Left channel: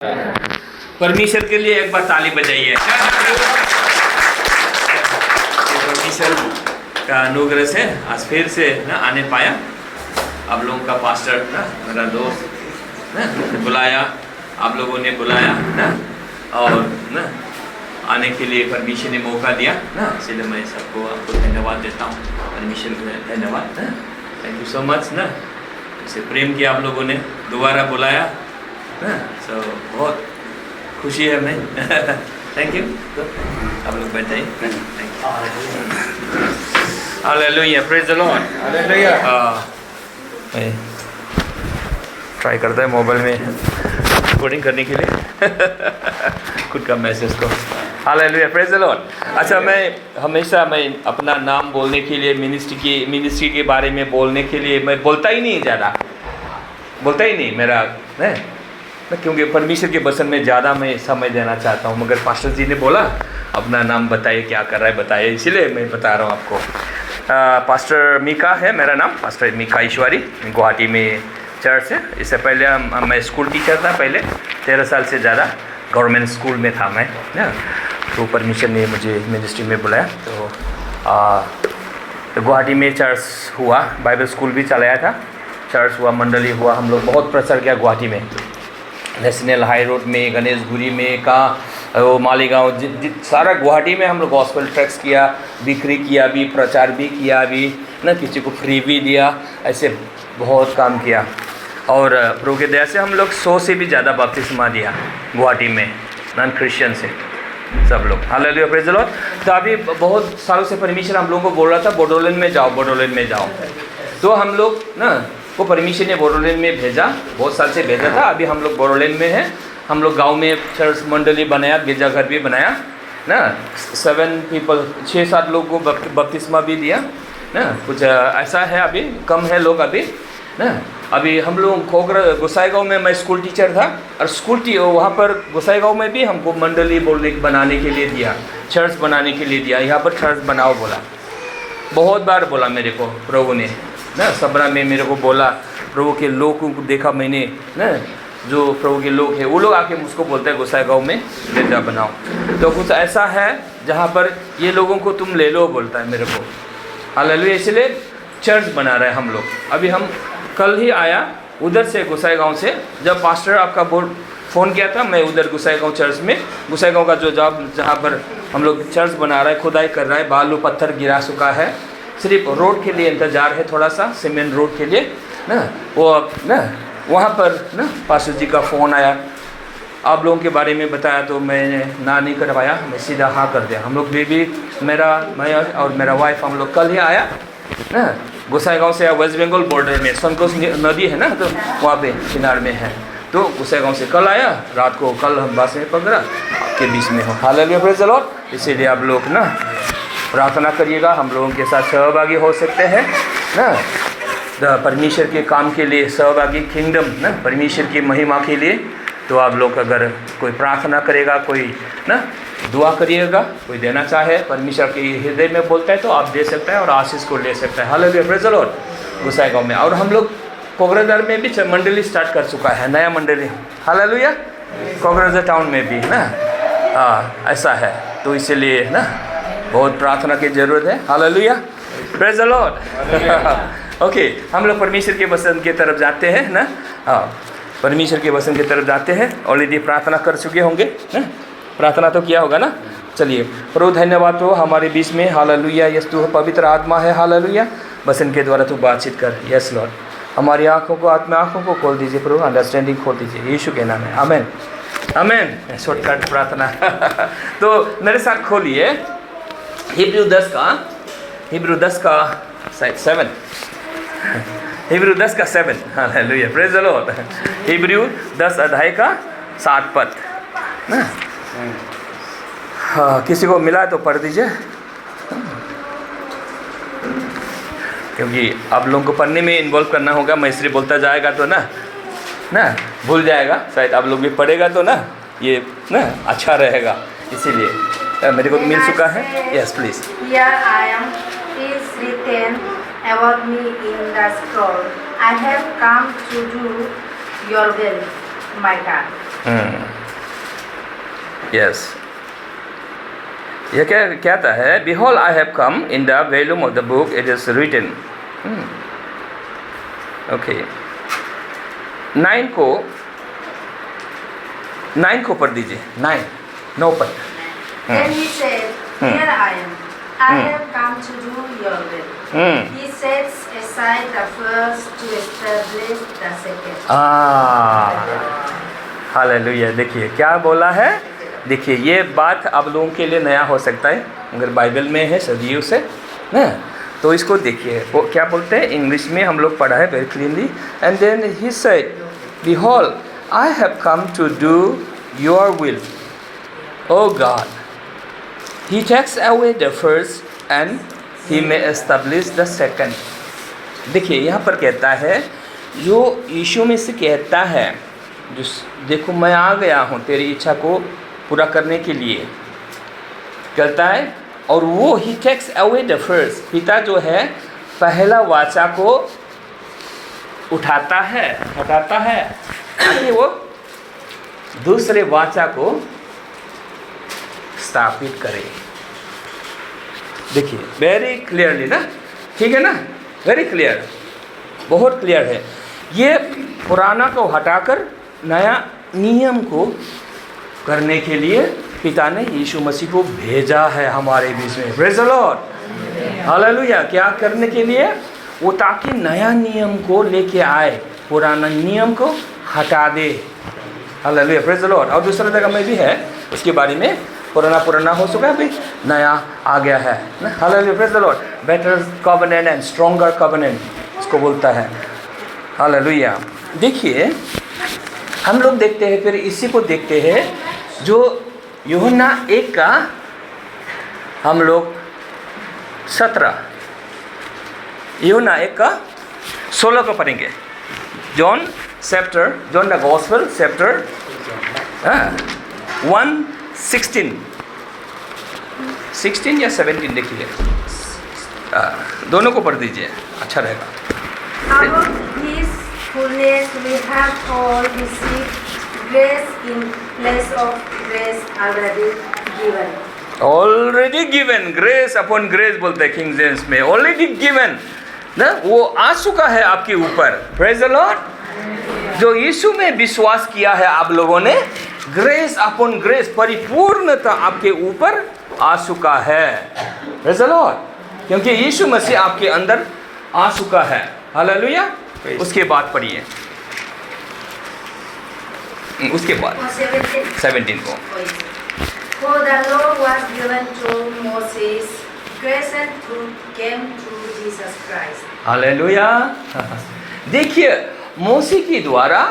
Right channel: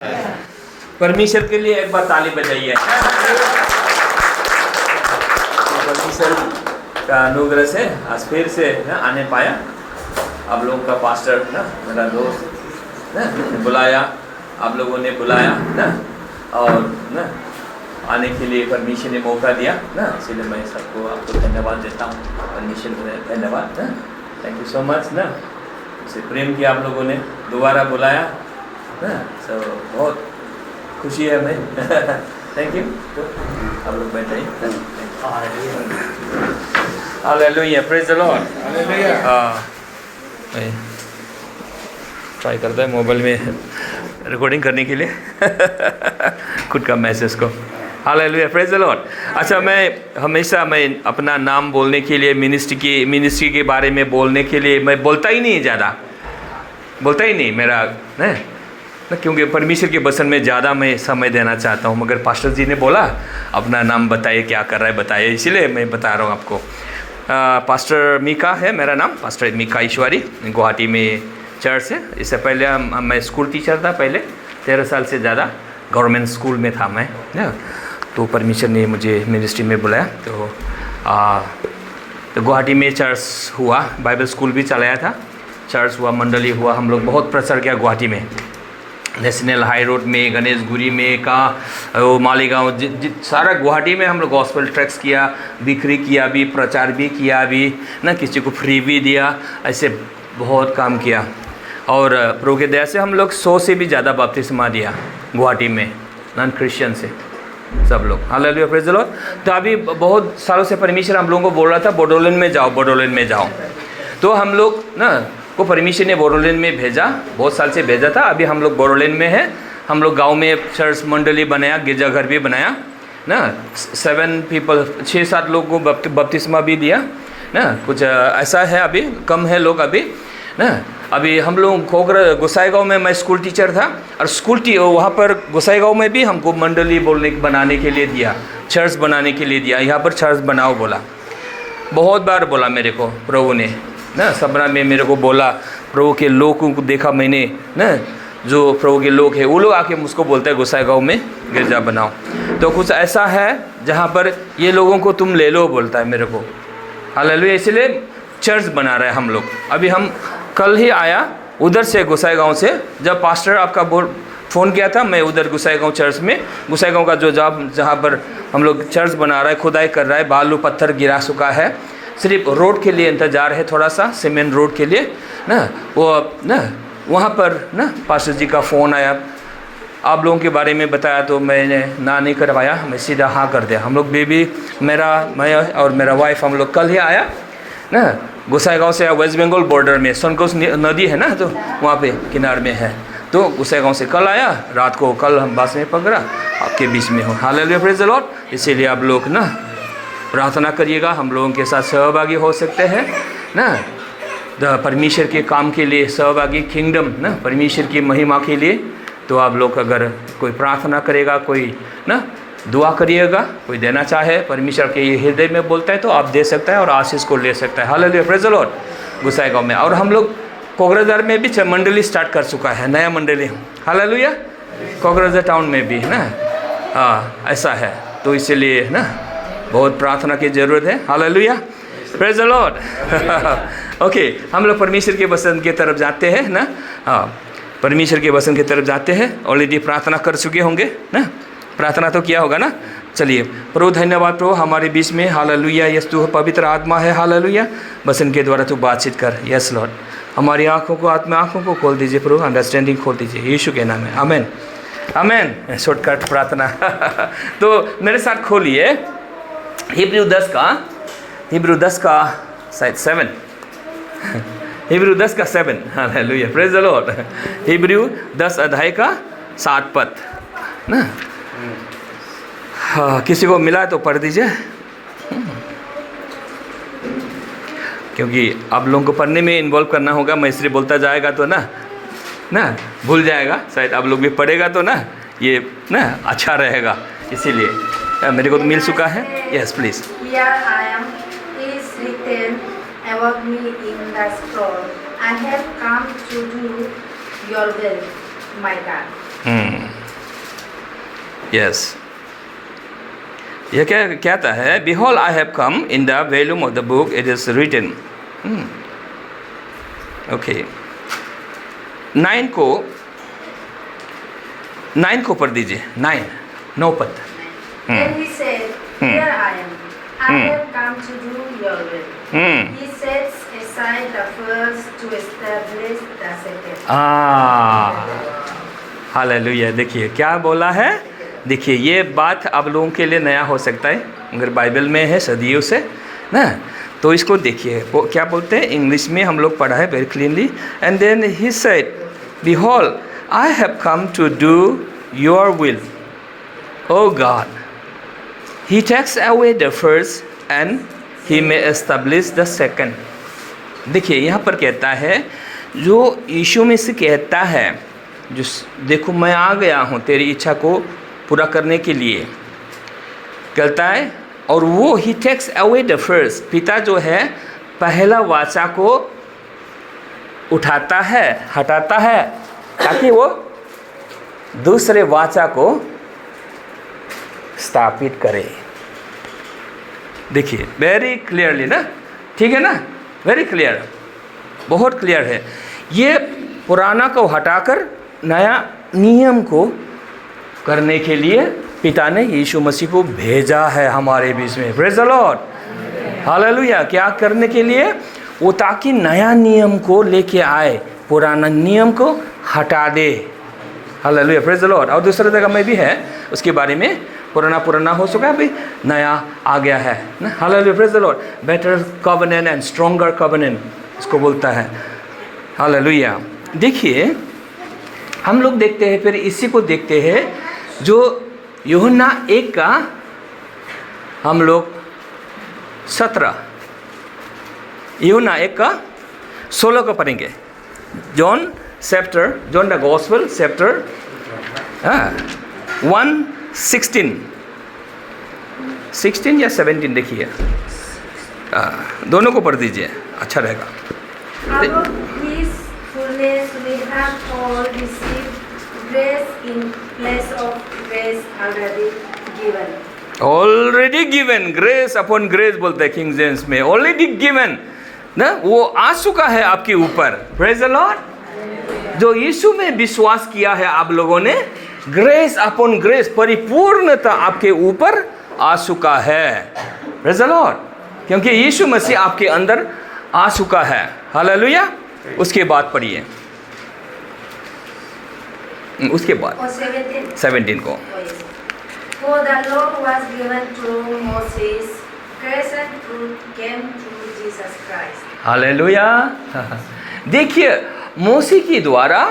परमेश्वर के लिए एक बार ताली बजाइए। परमेश्वर का अनुग्रह से आज फिर से आने पाया। आप लोगों का पास्टर ना, मेरा दोस्त ना बुलाया, आप लोगों ने बुलाया ना, और ना आने के लिए परमेश्वर ने मौका दिया ना, इसलिए मैं सबको आपको धन्यवाद देता हूँ। परमेश्वर को धन्यवाद, थैंक यू सो मच ना, इसे प्रेम किया आप लोगों ने, दोबारा बुलाया ना, तो बहुत खुशी है मैं। Thank you. तो आप लोग बैठाइए। Hallelujah, praise the Lord. मैं ट्राई करता है मोबाइल में रिकॉर्डिंग करने के लिए खुद का मैसेज को। Hallelujah, praise the Lord. अच्छा, मैं अपना नाम बोलने के लिए, मिनिस्ट्री के बारे में बोलने के लिए मैं बोलता ही नहीं, ज़्यादा बोलता ही नहीं मेरा है ना, क्योंकि परमेश्वर के वचन में ज़्यादा मैं समय देना चाहता हूँ। मगर पास्टर जी ने बोला अपना नाम बताइए, क्या कर रहा है बताइए, इसीलिए मैं बता रहा हूँ आपको। पास्टर मीका है मेरा नाम, पास्टर मीका ईश्वरी, गुवाहाटी में चर्च है। इससे पहले मैं स्कूल टीचर था, पहले 13 साल से ज़्यादा गवर्नमेंट स्कूल में था मैं ना। तो परमेश्वर ने मुझे मिनिस्ट्री में बुलाया, तो गुवाहाटी में चर्च हुआ, बाइबल स्कूल भी चलाया था, चर्च हुआ, मंडली हुआ, हम लोग बहुत प्रचार किया गुवाहाटी में, नेशनल हाई रोड में, गणेशगुरी में, मालीगांव, सारा गुवाहाटी में हम लोग गॉस्पेल ट्रैक्स किया, बिक्री किया भी, प्रचार भी किया भी ना, किसी को फ्री भी दिया, ऐसे बहुत काम किया। और प्रभु के दया से हम लोग 100 से भी ज़्यादा बपतिस्मा दिया गुवाहाटी में, नॉन क्रिश्चियन से सब लोग। Hallelujah, praise the Lord. तो अभी बहुत सालों से परमेश्वर हम लोगों को बोल रहा था बोडोलैंड में जाओ, बोडोलैंड में जाओ। तो हम लोग ना को परमेश्वर ने बोडोलैंड में भेजा, बहुत साल से भेजा था। अभी हम लोग बोडोलैंड में हैं, हम लोग गांव में चर्च मंडली बनाया, गिरजाघर भी बनाया ना, 6-7 लोगों को बपतिस्मा भी दिया ना। कुछ ऐसा है, अभी कम है लोग अभी ना। अभी हम लोग गोसाईगांव में मैं स्कूल टीचर था, और वहाँ पर गोसाईगांव में भी हमको मंडली बनाने के लिए दिया, चर्च बनाने के लिए दिया। यहाँ पर चर्च बनाओ बोला, बहुत बार बोला मेरे को प्रभु ने ना, सबरा में मेरे को बोला। प्रभु के लोगों को देखा मैंने ना, जो प्रभु के लोग हैं वो लोग आके मुझको बोलते हैं गोसाईगांव में गिरजा बनाओ। तो कुछ ऐसा है जहाँ पर ये लोगों को तुम ले लो बोलता है मेरे को। हालेलुया, इसलिए चर्च बना रहे हैं हम लोग। अभी हम कल ही आया उधर से, गोसाईगांव से, जब पास्टर आपका फ़ोन किया था, मैं उधर गोसाईगांव चर्च में, गोसाईगांव का जो जहाँ पर हम लोग चर्च बना रहा है, खुदाई कर रहा है, बालू पत्थर गिरा चुका है, सिर्फ रोड के लिए इंतज़ार है, थोड़ा सा सीमेंट रोड के लिए ना। वो ना वहाँ पर ना पास्टर जी का फ़ोन आया, आप लोगों के बारे में बताया, तो मैंने ना नहीं करवाया, मैं सीधा हाँ कर दिया। हम लोग बेबी मैं और मेरा वाइफ हम लोग कल ही आया ना, गोसाईगांव से, वेस्ट बंगाल बॉर्डर में सनकोस नदी है ना, तो वहाँ पे किनार में है। तो गोसाईगांव से कल आया, रात को कल हम बस में पकड़ा, आपके बीच में हो। Hallelujah, praise the Lord. इसीलिए आप लोग ना प्रार्थना करिएगा, हम लोगों के साथ सहभागी हो सकते हैं ना, परमेश्वर के काम के लिए सहभागी, किंगडम ना, परमेश्वर की महिमा के लिए। तो आप लोग अगर कोई प्रार्थना करेगा, कोई ना दुआ करिएगा, कोई देना चाहे, परमेश्वर के हृदय में बोलता है तो आप दे सकते हैं और आशीष को ले सकते हैं। Hallelujah, praise the Lord. Gossaigaon में, और हम लोग कोकराझार में भी मंडली स्टार्ट कर चुका है, नया मंडली। हालेलुया, कोकराझार टाउन में भी ना, ऐसा है। तो इसलिए ना बहुत प्रार्थना की ज़रूरत है। Hallelujah, praise the Lord. Okay, हम लोग परमेश्वर के वचन की तरफ जाते हैं ना। परमेश्वर के वचन की तरफ जाते हैं। ऑलरेडी प्रार्थना कर चुके होंगे ना, प्रार्थना तो किया होगा ना। चलिए, प्रभु धन्यवाद प्रभु हमारे बीच में। हालेलुया, यस तू पवित्र आत्मा है। हालेलुया, वचन के द्वारा तू बातचीत कर। यस लॉर्ड, हमारी आँखों को खोल दीजिए प्रभु, अंडरस्टैंडिंग खोल दीजिए, यीशु के नाम में, आमेन आमेन। शॉर्टकट प्रार्थना तो मेरे साथ खोलिए हिब्रू 10 का शायद 7, हिब्रू 10 का 7। Hallelujah, praise the Lord. Hebrew 10 अध्याय का 7 पद ना। किसी को मिला तो पढ़ दीजिए, क्योंकि आप लोगों को पढ़ने में इन्वॉल्व करना होगा। मैं इसलिए बोलता जाएगा तो ना भूल जाएगा, शायद आप लोग भी पढ़ेगा तो ना ये ना अच्छा रहेगा, इसीलिए मेरे को तो मिल चुका है। Yes please. About me in the scroll, I have come to do your will, my God. Yes, यह क्या कहता है? Behold, I have come in the volume of the book it is written. Okay, 9 को पढ़ दीजिए। 9 पद। Then he said, Here I am. I have come to do your will. He sets aside the first to establish the second. Hallelujah. देखिए क्या बोला है। देखिए ये बात आप लोगों के लिए नया हो सकता है, अगर बाइबल में है सदियों से ना, तो इसको देखिए वो क्या बोलते हैं। इंग्लिश में हम लोग पढ़ा है very cleanly. And then he said, Behold, I have come to do your will, O God. He takes away the first and he may establish the second. देखिए यहाँ पर कहता है, जो यीशु में से कहता है, जो देखो मैं आ गया हूँ तेरी इच्छा को पूरा करने के लिए, कहता है। और वो he takes away the first, पिता जो है पहला वाचा को उठाता है, हटाता है, ताकि वो दूसरे वाचा को स्थापित करे। देखिए वेरी क्लियरली ना, ठीक है ना, वेरी क्लियर, बहुत क्लियर है। ये पुराना को हटाकर नया नियम को करने के लिए पिता ने यीशु मसीह को भेजा है हमारे बीच में। Praise the lord, hallelujah. क्या करने के लिए? वो ताकि नया नियम को लेके आए, पुराना नियम को हटा दे। Hallelujah, praise the Lord. और दूसरे जगह में भी है उसके बारे में, पुराना हो चुका है, अभी नया आ गया है ना। Hallelujah, praise the Lord. Better covenant and stronger covenant उसको बोलता है। हालेलुया। देखिए हम लोग देखते हैं, फिर इसी को देखते हैं जो यूहन्ना 1 का हम लोग 17, यूहन्ना 1 का 16 को पढ़ेंगे। जॉन द गॉस्पेल चैप्टर 1:16 या 17 देखिए, दोनों को पढ़ दीजिए, अच्छा रहेगा। Out of His fullness we have all received grace in place of grace already given. Already given, grace upon grace बोलते हैं किंग जेम्स में। ऑलरेडी गिवन ना, वो आ चुका है आपके ऊपर। Praise the Lord. जो यीशु में विश्वास किया है आप लोगों ने, ग्रेस अपॉन ग्रेस, परिपूर्णता आपके ऊपर आ चुका है। Praise the Lord. क्योंकि यीशु मसीह आपके अंदर आ चुका है। हालेलुया। उसके बाद पढ़िए, उसके बाद 17 को। For the law was given to Moses, grace and truth came through Jesus Christ. Hallelujah. देखिए मूसा के द्वारा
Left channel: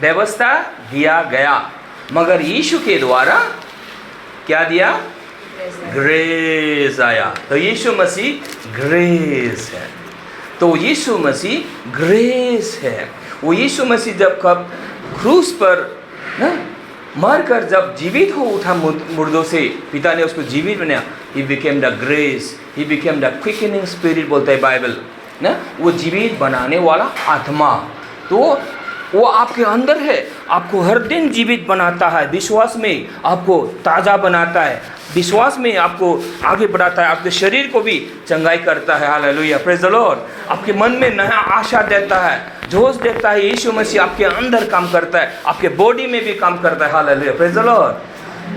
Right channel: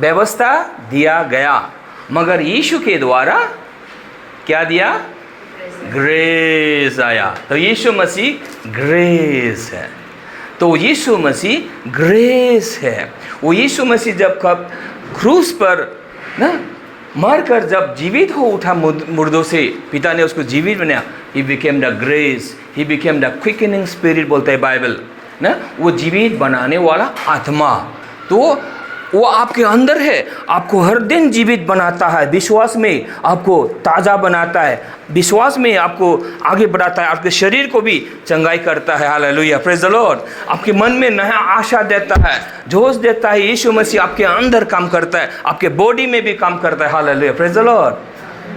व्यवस्था दिया गया, मगर यीशु के द्वारा क्या दिया? ग्रेस आया। तो यीशु मसीह ग्रेस है, तो यीशु मसीह ग्रेस है। वो यीशु मसीह जब कब क्रूस पर ना मरकर जब जीवित हो उठा मुर्दों से, पिता ने उसको जीवित बनाया। He became the grace, he became the quickening spirit बोलता है बाइबल ना, वो जीवित बनाने वाला आत्मा। तो वो आपके अंदर है, आपको हर दिन जीवित बनाता है, विश्वास में आपको ताज़ा बनाता है, विश्वास में आपको आगे बढ़ाता है, आपके शरीर को भी चंगाई करता है। Hallelujah, praise the Lord. आपके मन में नया आशा देता है, जोश देता है। यीशु मसीह आपके अंदर काम करता है, आपके बॉडी में भी काम करता है। Hallelujah, praise the Lord.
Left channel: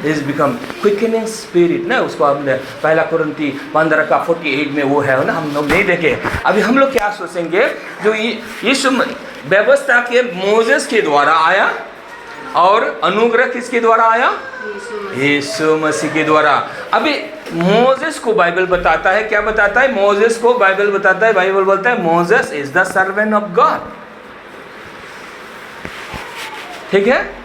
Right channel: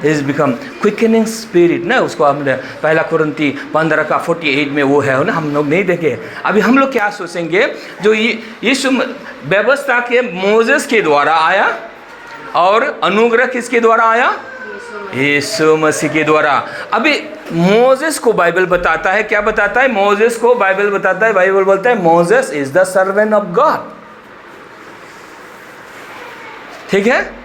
Is become quickening spirit ना, उसको हमने पहला कुरिन्थी 15 का 48 में वो है ना, हम लोग नहीं देखे। अभी हम लोग क्या सोचेंगे, जो यीशु व्यवस्था के मोसेस के द्वारा आया और अनुग्रह किसके द्वारा आया? यीशु मसीह के द्वारा। अभी मोसेस को बाइबल बताता है, क्या बताता है? मोसेस को बाइबल बताता है, बाइबल बोलता है Moses is the servant of God. ठीक है,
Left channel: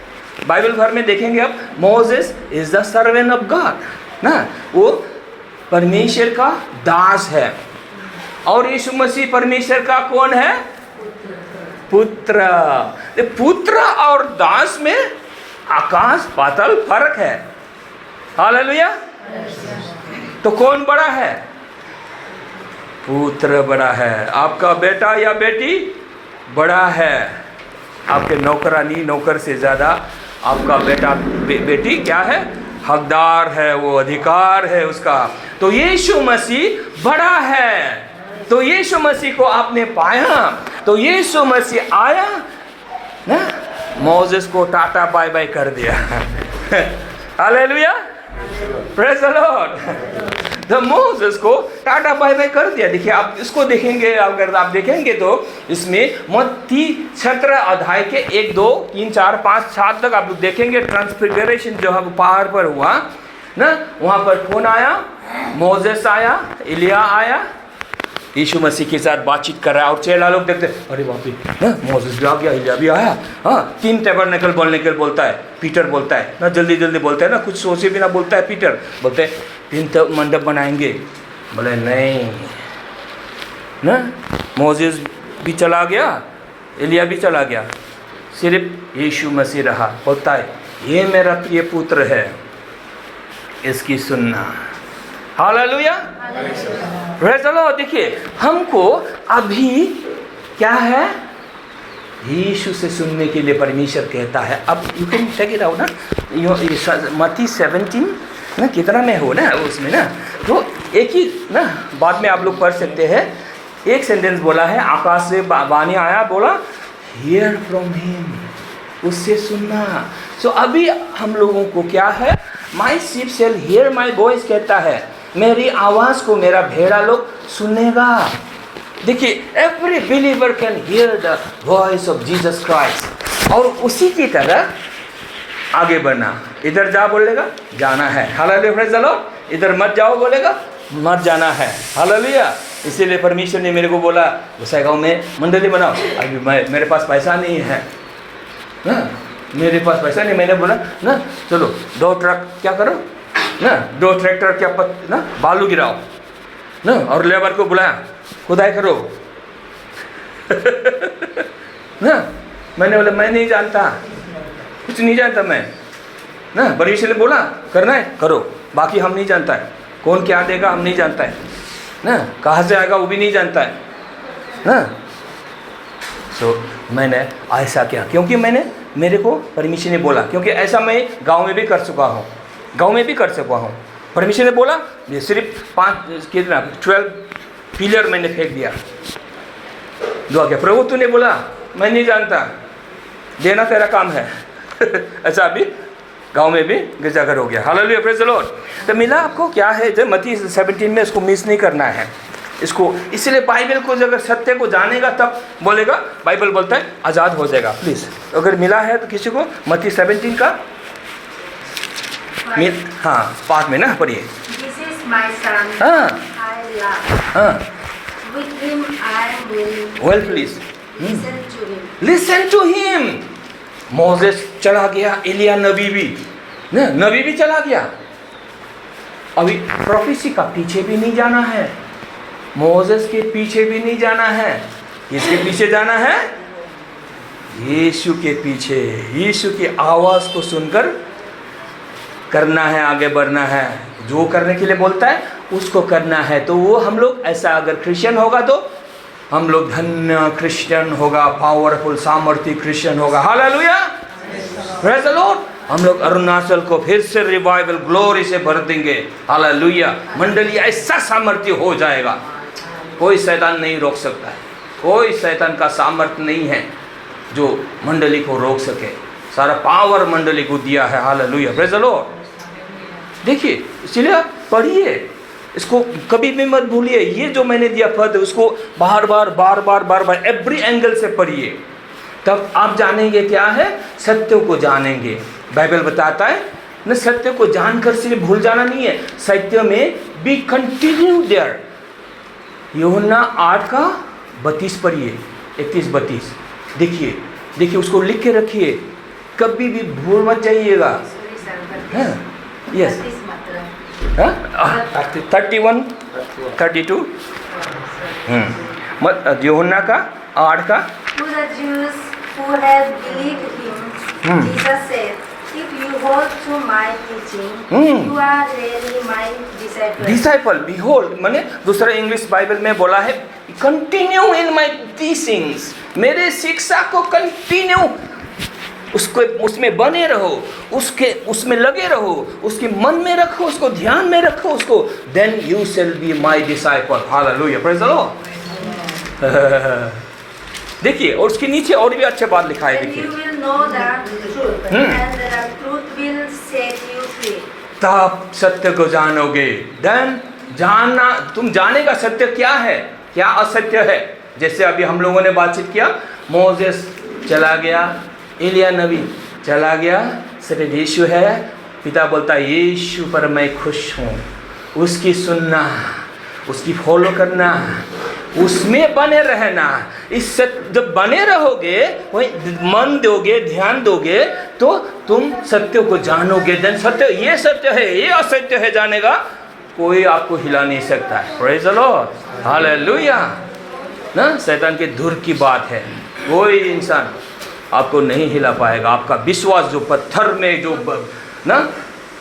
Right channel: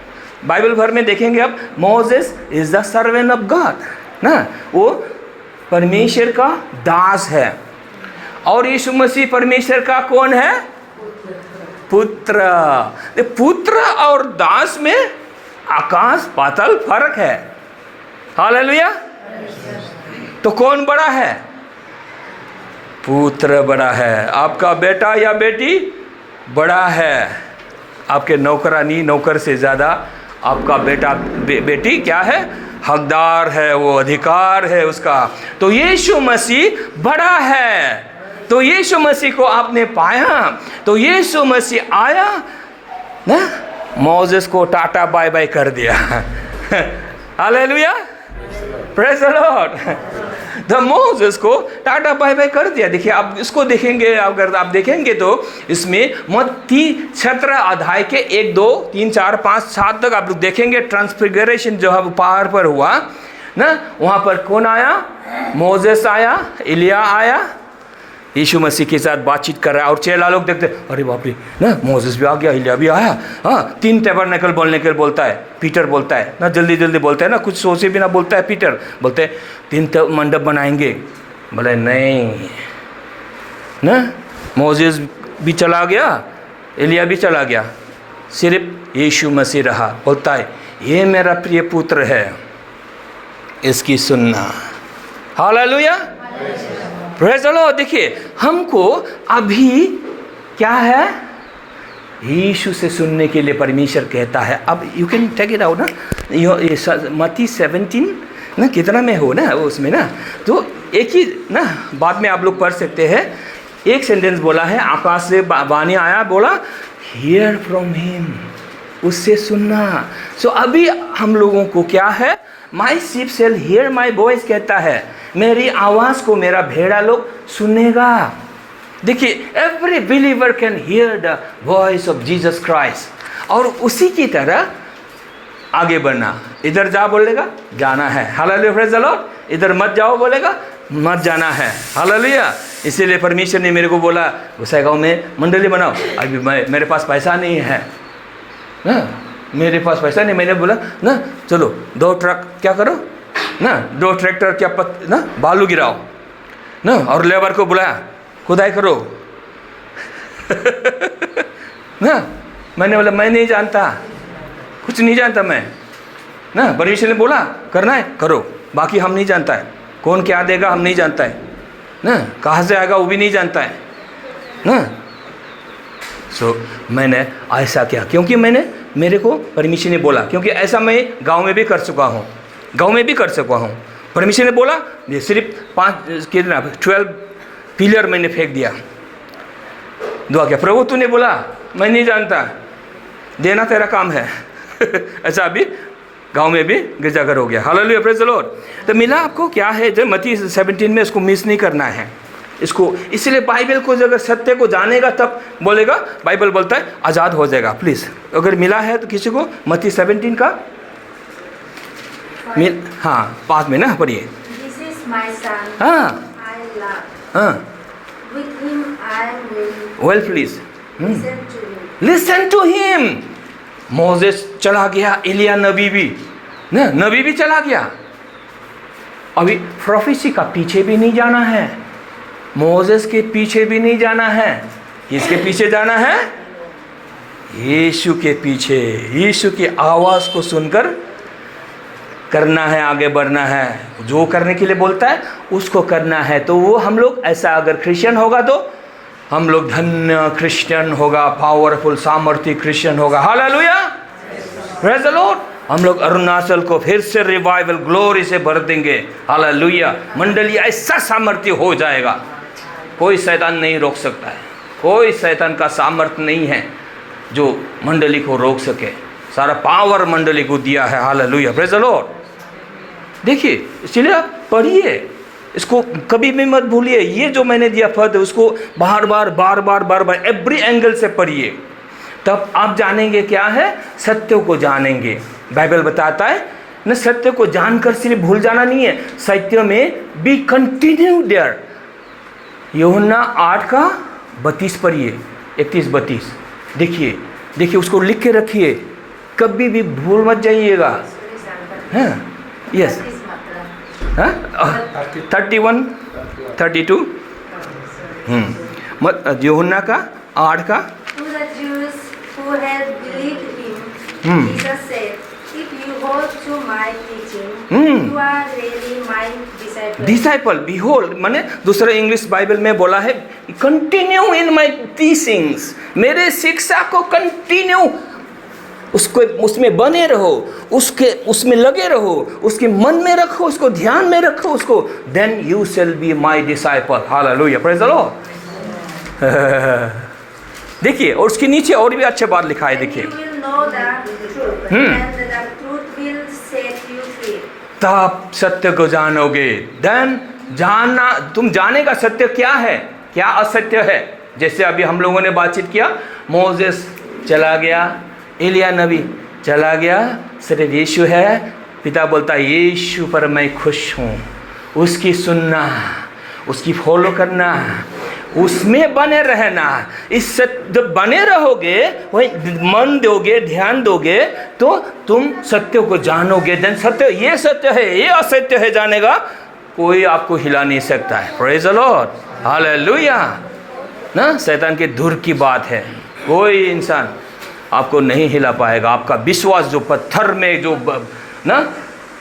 बाइबल भर में देखेंगे अब, Moses is the servant of God ना, वो परमेश्वर का दास है। और यीशु मसीह परमेश्वर का कौन है? पुत्र। पुत्र और दास में आकाश पाताल फर्क है। हालेलुया। तो कौन बड़ा है? पुत्र बड़ा है। आपका बेटा या बेटी बड़ा है, आपके नौकरानी नौकर से ज़्यादा आपका बेटा बेटी क्या है, हकदार है, वो अधिकार है उसका। तो यीशु मसीह बड़ा है, तो यीशु मसीह को आपने पाया, तो यीशु मसीह आया ना, मोसेस को टाटा बाय बाय कर दिया। Hallelujah, praise the Lord. तो मोसेस को टाटा बाय बाय कर दिया। देखिए आप इसको देखेंगे, अगर आप देखेंगे तो इसमें मत्ती 17 अध्याय के 1, 2, 3, 4, 5, 7 तक आप लोग देखेंगे ट्रांसफिगरेशन जो है पहाड़ पर हुआ ना, वहाँ पर कौन आया, मोसेस आया, एलिया आया, यीशु मसीह के साथ बातचीत कर रहा है। और चेला लोग देखते, अरे बाप रे ना, मोसेस भी आ गया, एलिया भी आया। हाँ, 3 टैबरनेकल बोलने के लिए बोलता है, पीटर बोलता है ना, जल्दी जल्दी बोलता है ना, कुछ सोचे भी ना बोलता है पीटर, बोलते हैं 3 मंडप बनाएंगे। बोले नहीं ना, मोसेस भी चला गया, एलिया भी चला गया, सिर्फ यीशु मसीह रहा। बोलता है ये मेरा प्रिय पुत्र है, इसकी सुनना। Hallelujah, praise the lord. देखिए हमको अभी क्या है, यीशु से सुनने के लिए परमेश्वर कहता है। अब you can take it out ना, मत्ती 17 ना कितना में हो ना उसमें ना, तो एक ही ना बाद में आप लोग पढ़ सकते हैं। एक सेंटेंस बोला है, आकाश से वाणी आया, बोला हियर फ्रॉम हिम, उससे सुनना। सो अभी हम लोगों को क्या है, my sheep shall hear my voice कहता है, मेरी आवाज़ को मेरा भेड़ा लोग सुनेगा। देखिए every believer can hear the voice of Jesus Christ, और उसी की तरह आगे बढ़ना। इधर जा बोलेगा, जाना है। Hallelujah, praise the Lord. इधर मत जाओ बोलेगा, मत जाना है। हालेलुया। इसीलिए परमेश्वर ने मेरे को बोला गोसाईगांव में मंडली बनाओ। अभी मेरे पास पैसा नहीं है ना, मेरे पास पैसा नहीं। मैंने बोला ना चलो 2 ट्रक क्या करो ना, 2 ट्रैक्टर क्या ना बालू गिराओ ना, और लेबर को बुलाया, खुदाई करो ना। मैंने बोला मैं नहीं जानता, कुछ नहीं जानता मैं ना। परमेश्वर ने बोला करना है करो, बाकी हम नहीं जानता है, कौन क्या देगा हम नहीं जानता है ना, कहाँ से आएगा वो भी नहीं जानता है ना। सो मैंने ऐसा किया क्योंकि मेरे को परमेश्वर ने बोला, क्योंकि ऐसा मैं गांव में भी कर चुका हूँ, परमेश्वर ने बोला ये सिर्फ 12 पिलर मैंने फेंक दिया, दुआ किया, प्रभु तूने बोला मैं नहीं जानता, देना तेरा काम है। ऐसा अभी गांव में भी गिरजाघर हो गया। Hallelujah, praise the Lord. तो मिला आपको क्या है, जब मत्ती 17 में इसको मिस नहीं करना है इसको। इसलिए बाइबल को अगर सत्य को जानेगा तब बोलेगा, बाइबल बोलता है आज़ाद हो जाएगा। प्लीज़ अगर मिला है तो किसी को मत्ती 17 का हाँ 5 में ना पढ़िए। This is my son, हाँ I love. हाँ With him I will well please listen to him. Listen to him. Moses चला गया, एलिया नबी भी ना, नबी भी चला गया। अभी प्रोफेसी का पीछे भी नहीं जाना है, मोसेस के पीछे भी नहीं जाना है। किसके पीछे जाना है? यीशु के पीछे। यीशु की आवाज़ को सुनकर करना है, आगे बढ़ना है। जो करने के लिए बोलता है उसको करना है। तो वो हम लोग ऐसा अगर क्रिश्चियन होगा तो हम लोग धन्य क्रिश्चियन होगा, पावरफुल सामर्थ्य क्रिश्चियन होगा। Hallelujah, praise the Lord. हम लोग अरुणाचल को फिर से रिवाइवल ग्लोरी से भर देंगे। हालेलुया, मंडली ऐसा सामर्थ्य हो जाएगा, कोई शैतान नहीं रोक सकता है। कोई शैतान का सामर्थ्य नहीं है जो मंडली को रोक सके। सारा पावर मंडली को दिया है। Hallelujah, praise the lord. देखिए इसलिए आप पढ़िए, इसको कभी भी मत भूलिए। ये जो मैंने दिया पद उसको बार बार एवरी एंगल से पढ़िए, तब आप जानेंगे क्या है, सत्य को जानेंगे। बाइबल बताता है न, सत्य को जानकर सिर्फ भूल जाना नहीं है, सत्य में बी कंटिन्यू देयर। यूहन्ना 8:32 पढ़िए, 31-32। देखिए उसको लिख के रखिए, कभी भी भूल मत जाइएगा। हाँ यस, 31-32 यूहन्ना का 8 To the Jews who had believed him, Jesus said, if you hold to my teaching, you are really my disciples. Disciple, behold, माने दूसरा इंग्लिश बाइबल में बोला है कंटिन्यू इन माई टीचिंग्स, मेरे शिक्षा को कंटिन्यू उसको उसमें बने रहो, उसमें लगे रहो, उसके मन में रखो, उसको ध्यान में रखो उसको, then you shall be my disciple. Hallelujah, praise the lord. देखिए, और उसके नीचे और भी अच्छे बात लिखा है, देखिए, You will know the truth, and the truth will set you free. तब सत्य को जानोगे। देन जानना, तुम जानेगा सत्य क्या है, क्या असत्य है। जैसे अभी हम लोगों ने बातचीत किया, मोसेस चला गया, एलिया नबी चला गया, सिर्फ यीशु है। पिता बोलता है यीशु पर मैं खुश हूँ, उसकी सुनना, उसकी फॉलो करना, उसमें बने रहना। इस जब बने रहोगे, वही मन दोगे, ध्यान दोगे, तो तुम सत्य को जानोगे। देन सत्य, ये सत्य है, ये असत्य है, जानेगा, कोई आपको हिला नहीं सकता है। प्रेज द लॉर्ड, हालेलुया ना। शैतान के दूर की बात है, कोई इंसान आपको नहीं हिला पाएगा। आपका विश्वास जो पत्थर में जो ना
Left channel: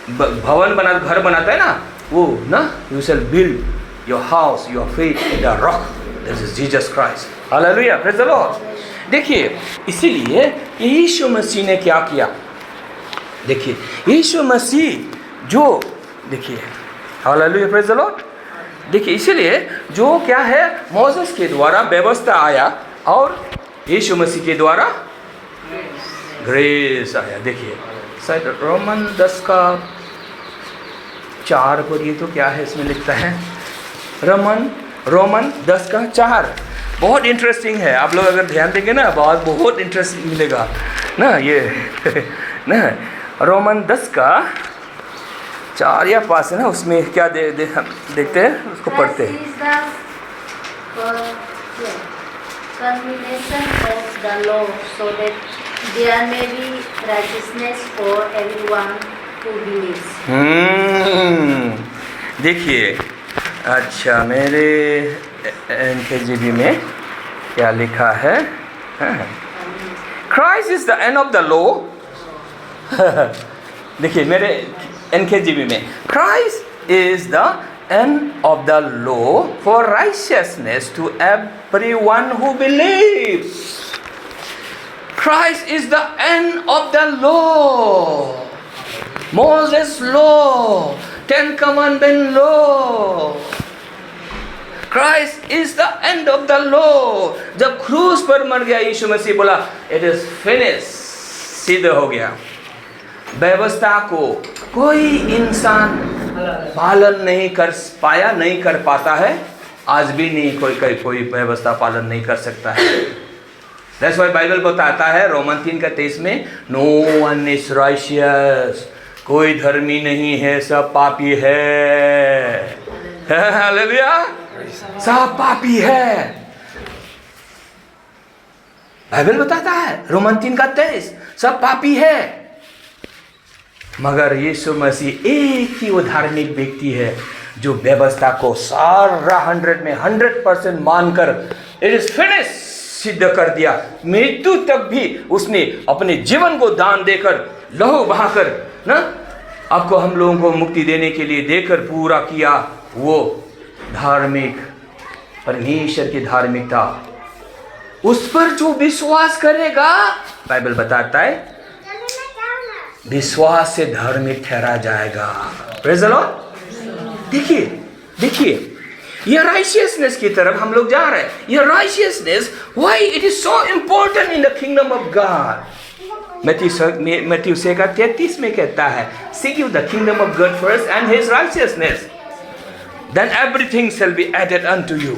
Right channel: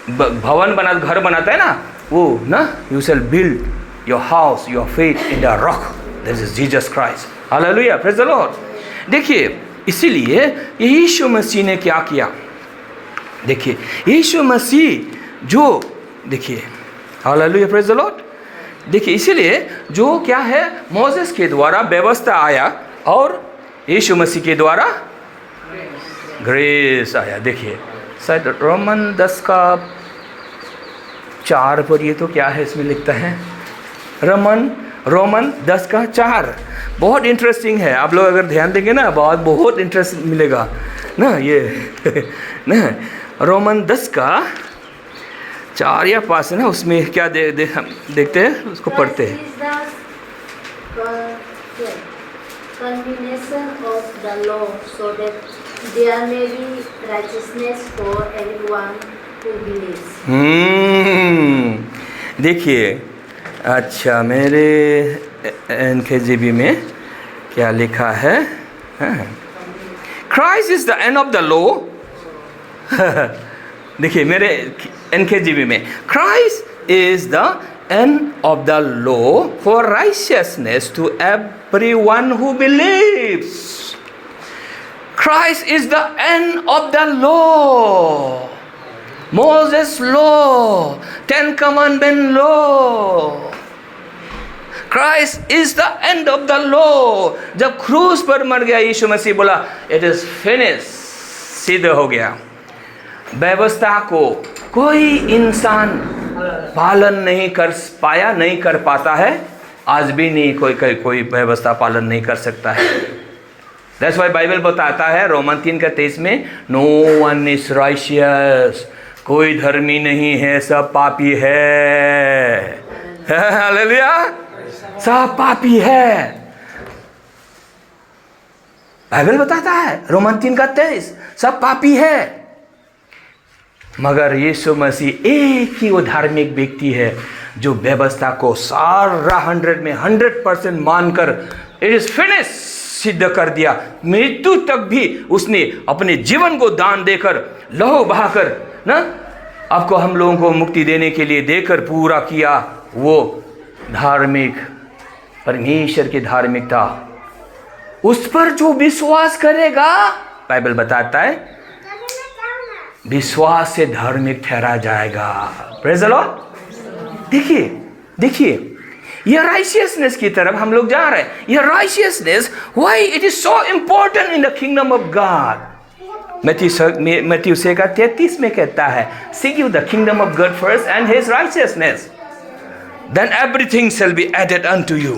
भवन बना, घर बनाता है ना, वो ना, you shall build your house, your faith in the rock, that is Jesus Christ. Hallelujah, praise the lord. देखिए, इसीलिए यीशु मसीह ने क्या किया, देखिए यीशु मसीह जो, देखिए, हालेलुया, प्रेज द लॉर्ड। देखिए, इसीलिए जो क्या है, मोसेस के द्वारा व्यवस्था आया और यीशु मसीह के द्वारा ग्रेस आया। देखिए, शायद रोमन 10 का 4 पर, ये तो क्या है इसमें लिखता है, रोमन 10 का 4, बहुत इंटरेस्टिंग है। आप लोग अगर ध्यान देंगे ना, बहुत इंटरेस्ट मिलेगा ना, ये ना रोमन 10 का 4 या 5 है ना, उसमें क्या देखते हैं, उसको पढ़ते हैं। Culmination of the law, so that there may be righteousness for everyone who believes. देखिए, अच्छा, मेरे NKJV में क्या लिखा है, Christ is the end of the law. देखिए, मेरे NKJV में Christ is the end of the law for righteousness to everyone who believes. Christ is the end of the law. Moses law, 10 commandment law. Christ is the end of the law. जब क्रूस पर मर गया यीशु मसीह, बोला it is finished, सिद्ध हो गया। व्यवस्था को कोई इंसान पालन नहीं कर पाया, नहीं कर पाता है, आज भी नहीं, कोई व्यवस्था पालन नहीं कर सकता है। That's why बाइबल बताता है रोमन 3 का 23 में, no one is righteous, कोई धर्मी नहीं है, सब पापी है। हालेलुया, सब पापी है, बाइबल बताता है, रोमन 3 का 23, सब पापी है। मगर यीशु मसीह एक ही वो धार्मिक व्यक्ति है जो व्यवस्था को सारा 100 में 100% मानकर इट इज फिनिश सिद्ध कर दिया। मृत्यु तक भी उसने अपने जीवन को दान देकर, लहू बहाकर ना, आपको, हम लोगों को मुक्ति देने के लिए देकर पूरा किया। वो धार्मिक, परमेश्वर की धार्मिकता, उस पर जो विश्वास करेगा, बाइबल बताता है विश्वास से धार्मिक ठहरा जाएगा। Praise the lord. देखिए ये राइचियसनेस की तरफ हम लोग जा रहे हैं। ये righteousness, why it is so important in the kingdom of God. मत्ती 6:33 में कहता है, seek you the kingdom of God first and his righteousness, then everything shall be added unto you.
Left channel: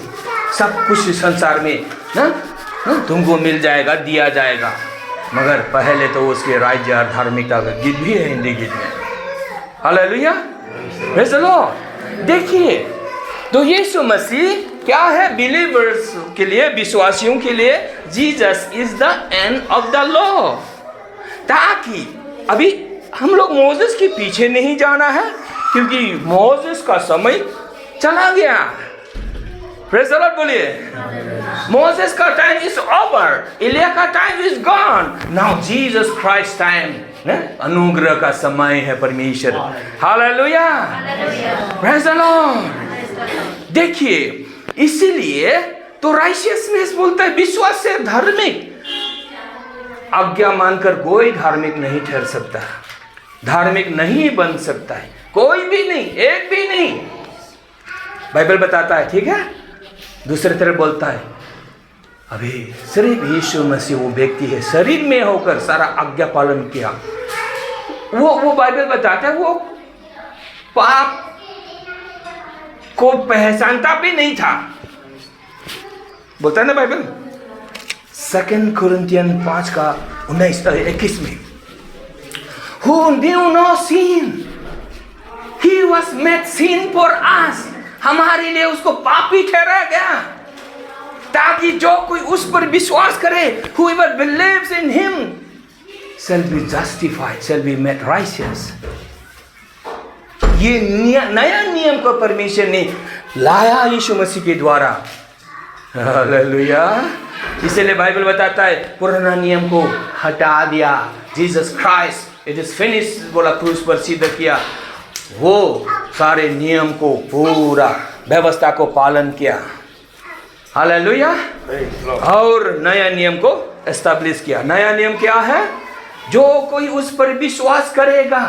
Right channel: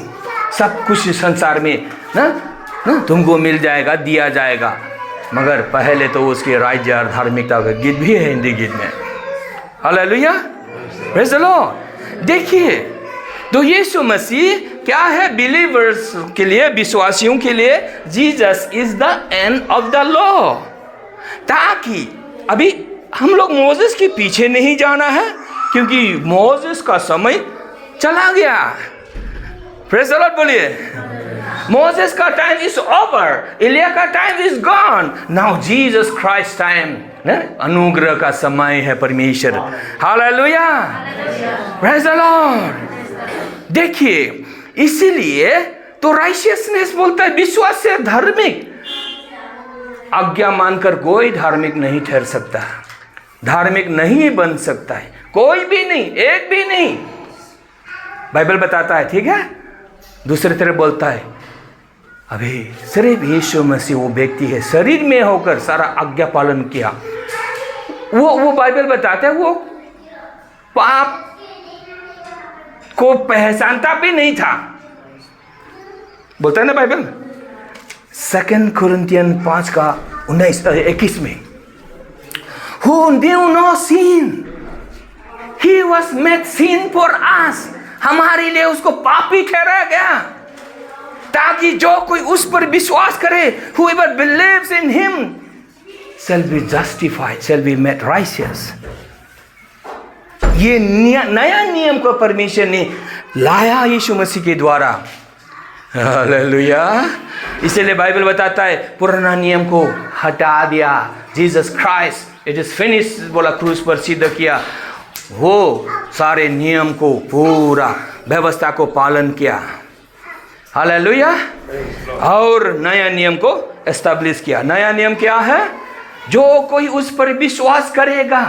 सब कुछ संसार में ना तुमको मिल जाएगा, दिया जाएगा, मगर पहले तो उसके राज्य और धार्मिकता का गीत भी है हिंदी गीत में। Hallelujah, praise the lord. देखिए, तो यीशु मसीह क्या है बिलीवर्स के लिए, विश्वासियों के लिए, Jesus is the end of the law. ताकि अभी हम लोग मोसेस के पीछे नहीं जाना है, क्योंकि मोसेस का समय चला गया। प्रेज़ द लॉर्ड बोलिए। मोसेस का टाइम इज ओवर, एलिया का time is gone, now Jesus Christ time, अनुग्रह का समय है परमेश्वर। Hallelujah, praise the lord. देखिए, इसीलिए तो राइचियसनेस बोलता है विश्वास से धार्मिक। आज्ञा मानकर कोई धार्मिक नहीं ठहर सकता, धार्मिक नहीं बन सकता है, कोई भी नहीं, एक भी नहीं। बाइबल बताता है, ठीक है। दूसरी तरफ बोलता है अभी सिर्फ यीशु मसीह वो व्यक्ति है शरीर में होकर सारा आज्ञा पालन किया। वो बाइबल बताता है वो पाप को पहचानता भी नहीं था, बोलता है ना बाइबल 2 कुरिन्थियन 5:19-21 में, who knew no sin, he was made sin for us, हमारे लिए उसको पापी ठहराया गया ताकि जो कोई उस पर विश्वास करे, whoever believes in him shall be justified, shall be made righteous। ये नया नियम को परमेश्वर ने लाया यीशु मसीह के द्वारा। हालेलुया। इसलिए बाइबल बताता है पुराना नियम को हटा दिया, Jesus Christ it is finish बोला, क्रूस पर सिद्ध किया, वो सारे नियम को पूरा व्यवस्था को पालन किया। हालेलुया। और नया नियम को एस्टैब्लिश किया। नया नियम क्या है? जो कोई उस पर विश्वास करेगा,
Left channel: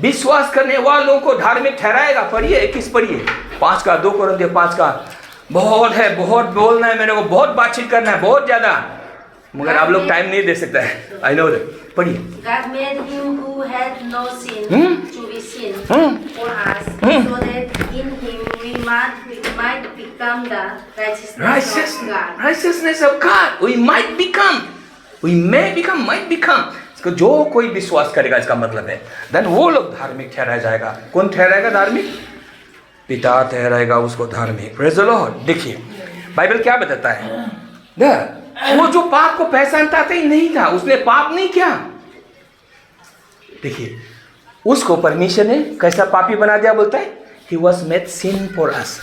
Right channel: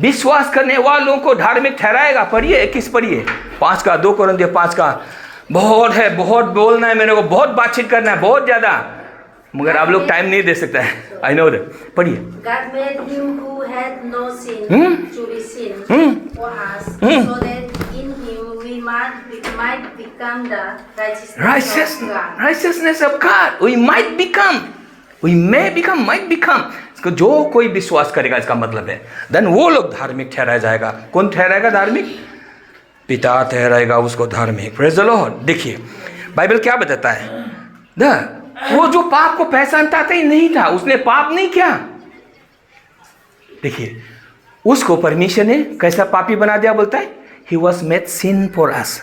विश्वास करने वालों को धार्मिक ठहराएगा। पढ़िए 21 पढ़िए 2 कुरिन्थियों 5 का। बहुत है, बहुत बोलना है मेरे को, बहुत बातचीत करना है, बहुत ज्यादा, मगर आप लोग टाइम नहीं दे सकते हैं। I know that. पढ़िए। God made him who had no sin to be sin for us, so that in him we might become the righteousness of God. Righteousness of God. We might become. We may become, might become. इसको जो कोई विश्वास करेगा इसका मतलब है then वो लोग धार्मिक ठहराया जाएगा। कौन ठहराएगा धार्मिक? पिता ठहराएगा उसको धार्मिक। Praise the lord. देखिए बाइबल क्या बताता है, वो जो पाप को पहचानता था ही नहीं था, उसने पाप नहीं किया। देखिए उसको परमेश्वर ने कैसा पापी बना दिया, बोलता है he was made sin for us.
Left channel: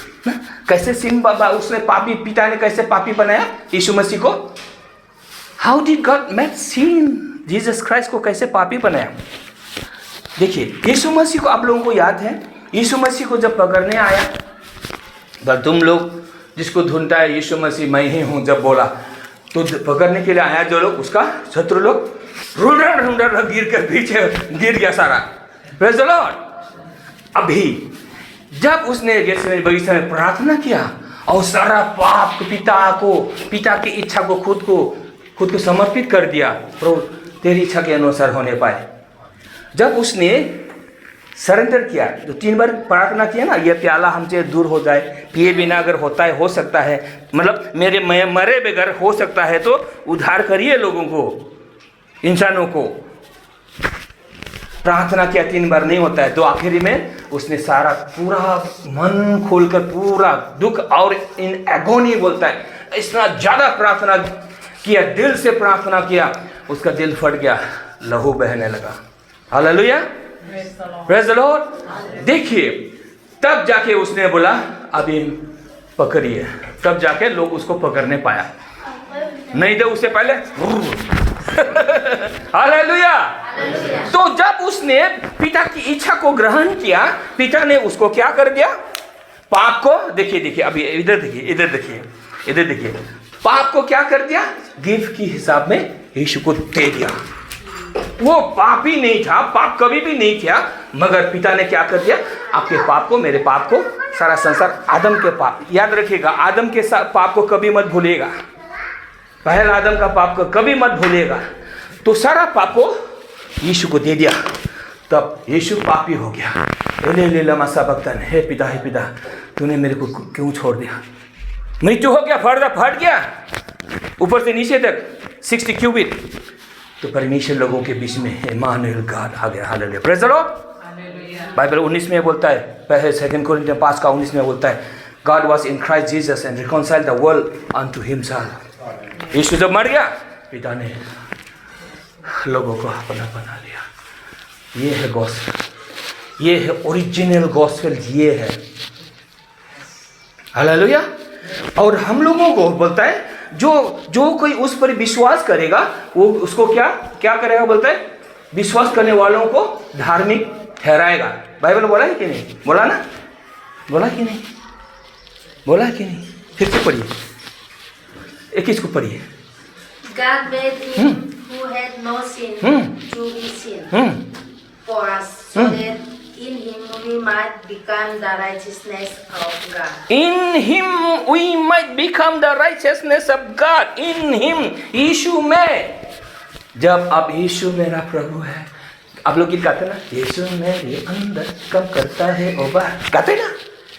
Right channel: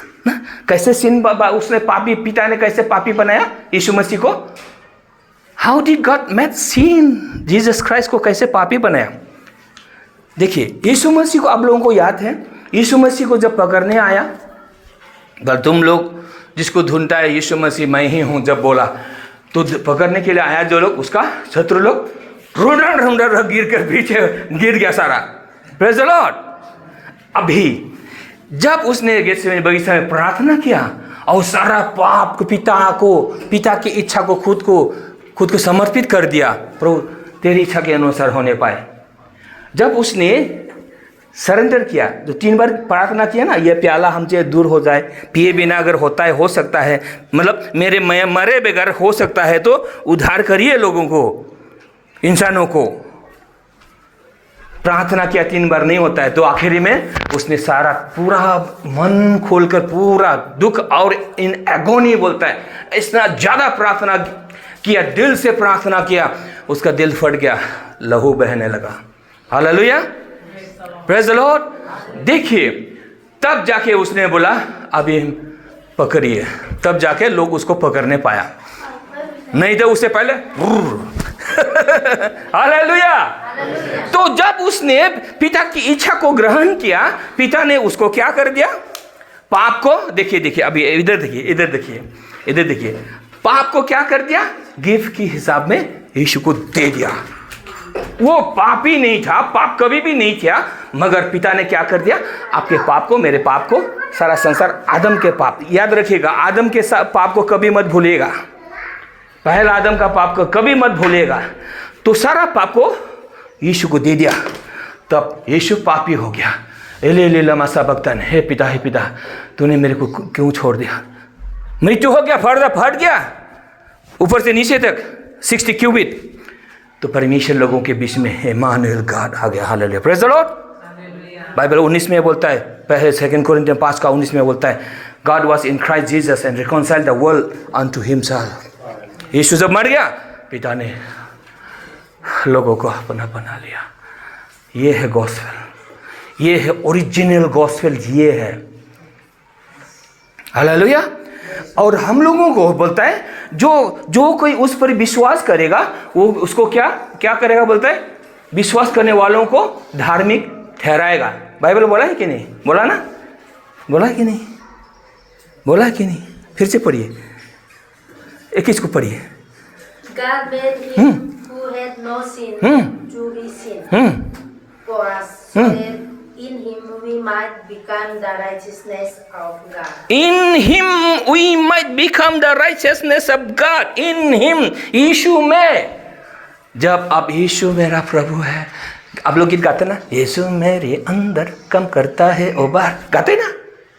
कैसे सिन उसने पापी, पिता ने कैसे पापी बनाया यीशु मसीह को? How did God made sin? Jesus Christ को कैसे पापी बनाया? देखिए यीशु मसीह को आप लोगों को याद है, यीशु मसीह को जब पकड़ने आया, पर तुम लोग जिसको ढूंढता है यीशु मसीह मैं ही हूं जब बोला, तो पकड़ने के लिए आया जो लोग, उसका शत्रु लोग ढूंढ गिर कर पीछे गिर गया सारा। Praise the Lord. अभी जब उसने गेतसेमनी बगीचा में प्रार्थना किया और सारा पाप को पिता की इच्छा को खुद को समर्पित कर दिया, प्रभु तेरी इच्छा के अनुसार होने पाए। जब उसने सरेंडर किया, जो 3 बार प्रार्थना किया ना, यह प्याला हमसे दूर हो जाए, पिए बिना अगर होता है, हो सकता है, मतलब मेरे मरे बगैर हो सकता है, तो उद्धार करिए लोगों को, इंसानों को। प्रार्थना किया 3 बार, नहीं होता है, तो आखिरी में उसने सारा पूरा मन खोलकर पूरा दुख और इन एगोनी बोलता है, इतना ज़्यादा प्रार्थना किया, दिल से प्रार्थना किया, उसका दिल फट गया, लहू बहने लगा। Hallelujah, praise the lord. देखिए तब जाके उसने बोला अभी पकड़िए, तब जाके लोग उसको पकड़ने पाया, नहीं तो उससे पहले हालेलुया। तो जब उसने पिता की इच्छा को ग्रहण किया, पिता ने उसको क्या कर दिया? पाप को, देखिए अभी इधर देखिए, पाप को क्या कर दिया? गिफ्ट की हिसाब में यीशु को दे दिया। वो पापी नहीं था, पाप कभी भी नहीं किया, मगर पिता ने क्या कर दिया? आपके पाप को, मेरे पाप को, सारा संसार, आदम के पाप, याद रखिएगा, आदम के पाप को कभी मत भूलिएगा, पहला आदम का पाप को कभी मत भूलिएगा। तो सारा पाप को यीशु को दे दिया, तब यीशु पापी हो गया। एले लमा सबक्तन, हे पिता तूने मेरे को क्यों छोड़ दिया? मृत्यु हो गया, फट गया ऊपर से नीचे तक 60 क्यूबिट। तो परमेश्वर लोगों के बीच में इम्मानुएल गॉड आ गया। Hallelujah, praise the Lord. Bible 19 में बोलता है, पहले 2 कुरिन्थियन 5:19 में बोलता है, God was in Christ Jesus and reconciled the world unto himself. यीशु जब मर गया, पिता ने लोगों को अपना बना लिया। ये है गॉस्पेल, ये है ओरिजिनल गॉस्पेल, ये है। हालेलुया। और हम लोगों को बोलता है जो कोई उस पर विश्वास करेगा, वो उसको क्या करेगा? बोलता है विश्वास करने वालों को धार्मिक ठहराएगा। बाइबल बोला है कि नहीं? बोला ना? बोला कि नहीं? बोला कि नहीं? फिर से पढ़िए, 21 को पढ़िए। God made him who had no sin to be sin for us, so that in him we might become the righteousness of God. In him we might become the righteousness of God. In him, यीशु में, जब आप यीशु मेरा प्रभु है, आप लोग गीत गाते ना, यीशु मेरे अंदर काम करता है ओ बार, गाते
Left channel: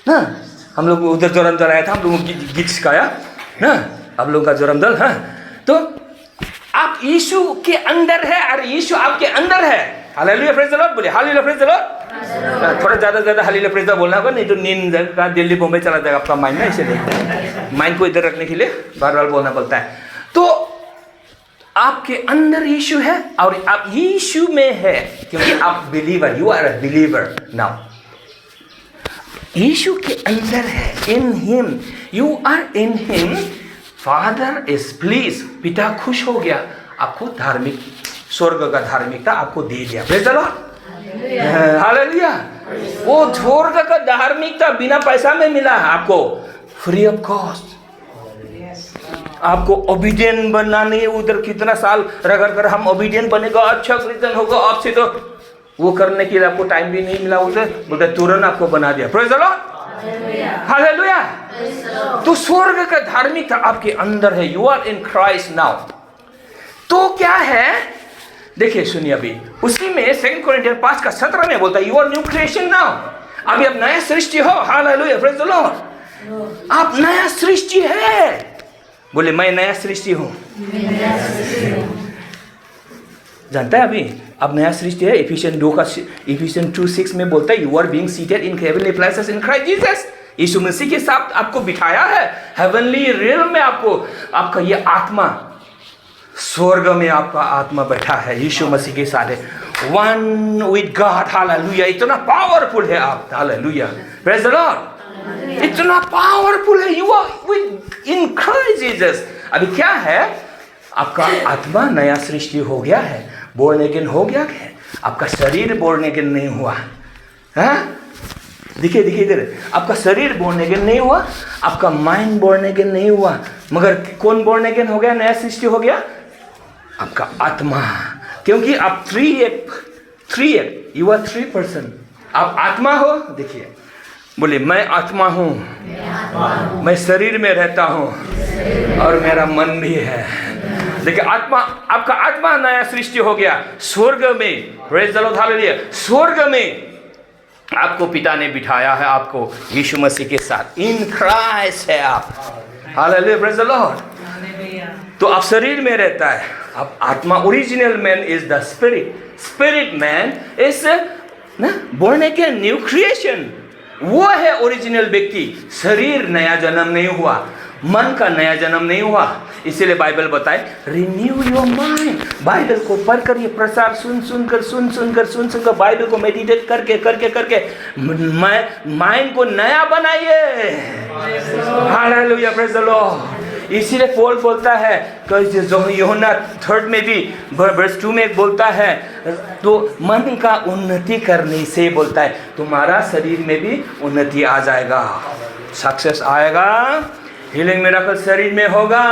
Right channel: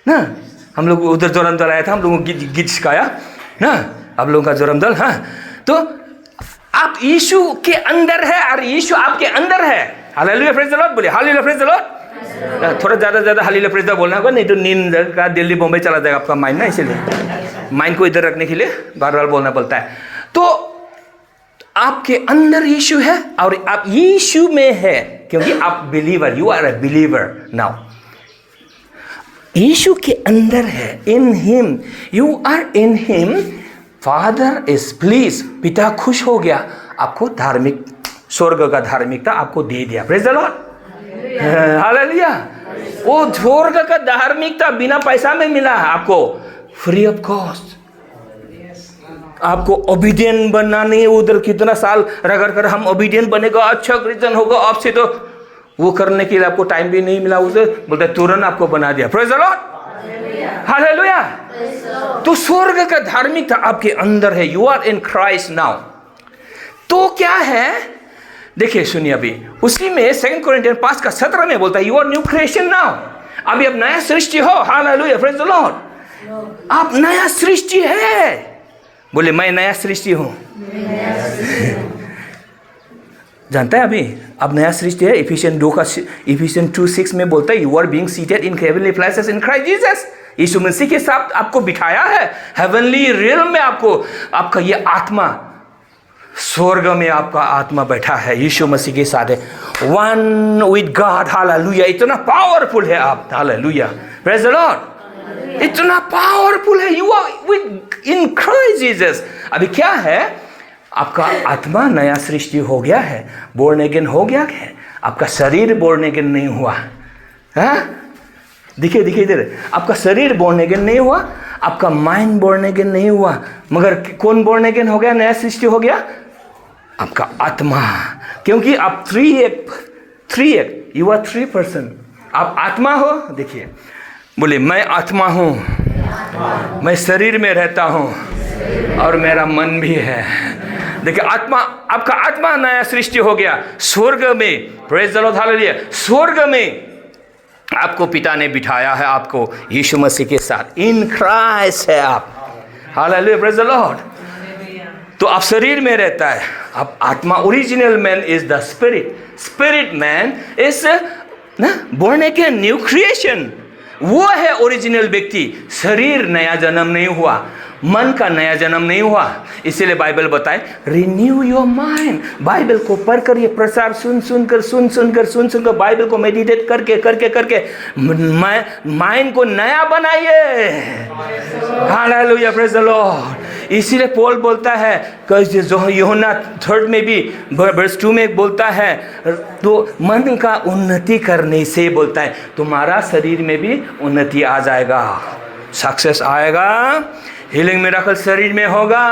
ना हम लोग उधर जोरम दल आया था, हम लोगों को गीत सिखाया ना, आप लोगों का जोरम दल। हाँ, तो आप यीशु के अंदर है और यीशु आपके अंदर है। हालेलुया, प्रेज द लॉर्ड, बोले हालेलुया, प्रेज द लॉर्ड। थोड़ा ज़्यादा हालेलुया प्रेज द लॉर्ड बोलना होगा, नहीं तो नींद का दिल्ली बॉम्बे चला जाएगा आपका माइंड ना, इसीलिए माइंड को इधर रखने के लिए बार बार बोलना पड़ता है। तो आपके अंदर यीशु है और आप यीशु में है, क्योंकि आप believer, you are a believer now. यीशु के अंदर है, in him, you are in him, Father is please, पिता खुश हो गया, आपको धार्मिक, स्वर्ग का धार्मिकता आपको दे दिया। Praise the lord, hallelujah. वो स्वर्ग का धार्मिकता बिना पैसा में मिला आपको, फ्री ऑफ कॉस्ट। आपको ओबीडियंट बनना नहीं है, उधर कितना साल रगड़ कर हम ओबीडियंट बनेगा, अच्छा क्रिश्चियन होगा, आपसे तो वो करने के लिए आपको टाइम भी नहीं मिला, उधर बोलते तुरंत आपको बना दिया। Praise the lord, hallelujah. तो स्वर्ग का धार्मिकता आपके अंदर है, you are in Christ now. तो क्या है, देखिए सुनिए, अभी उसी में 2 कोरिन्थियन 5:17 में बोलता है, you are new creation now. अभी आप नया सृष्टि हो, हालेलुया, प्रेज द लॉर्ड। आप नया सृष्टि है, बोले मैं नया सृष्टि हूं। जानता है अभी अब नया सृष्टि है। इफिशियन 2:6 में बोलता है, you are being seated in heavenly places in Christ Jesus. यीशु मसीह के साथ आपको बिठाया है हेवनली रियल्म में, आपको आपका ये आत्मा, स्वर्ग में आपका आत्मा बैठा है, यीशु मसीह के साथ है, वन विद गॉड, हालेलुया। इतना पावरफुल है आप, हालेलुया, प्रेज द लॉर्ड। इतना पावरफुल है, you are with in Christ Jesus. अभी क्या है, आपका आत्मा नया सृष्टि हो गया है, बोर्न अगेन हो गया है, आपका शरीर बोर्न अगेन नहीं हुआ है। देखिए इधर, आपका शरीर बोर्न अगेन नहीं हुआ, आपका माइंड बोर्न अगेन नहीं हुआ, मगर कौन बोर्न अगेन हो गया, नया सृष्टि हो गया, आपका आत्मा। क्योंकि आप 3 यू आर 3 पर्सन, आप आत्मा हो। देखिए बोले मैं आत्मा हूँ, मैं शरीर में रहता हूँ और मेरा मन भी है। देखिए आत्मा, आपका आत्मा नया सृष्टि हो गया स्वर्ग में, प्रेज द लॉर्ड, हालेलुया। स्वर्ग में आपको पिता ने बिठाया है, आपको यीशु मसीह के साथ, इन क्राइस्ट है आप, हालेलुया, प्रेज द लॉर्ड। तो आप शरीर में रहता है, आप आत्मा, original man is the spirit, spirit man is born again, new creation, वो है ओरिजिनल व्यक्ति। शरीर नया जन्म नहीं हुआ, मन का नया जन्म नहीं हुआ, इसीलिए बाइबल बताए रिन्यू योर माइंड। बाइबल को पढ़कर, ये प्रसार सुनकर बाइबल को मेडिटेट करके माइंड को नया बनाइए, हालेलुया, प्रेज द लॉर्ड। इसीलिए पॉल बोलता है, यूहन्ना 3 में भी वर्स 2 में बोलता है, तो मन का उन्नति करने से बोलता है, तुम्हारा शरीर में भी उन्नति आ जाएगा, सक्सेस आएगा, हीलिंग मिरेकल शरीर में होगा,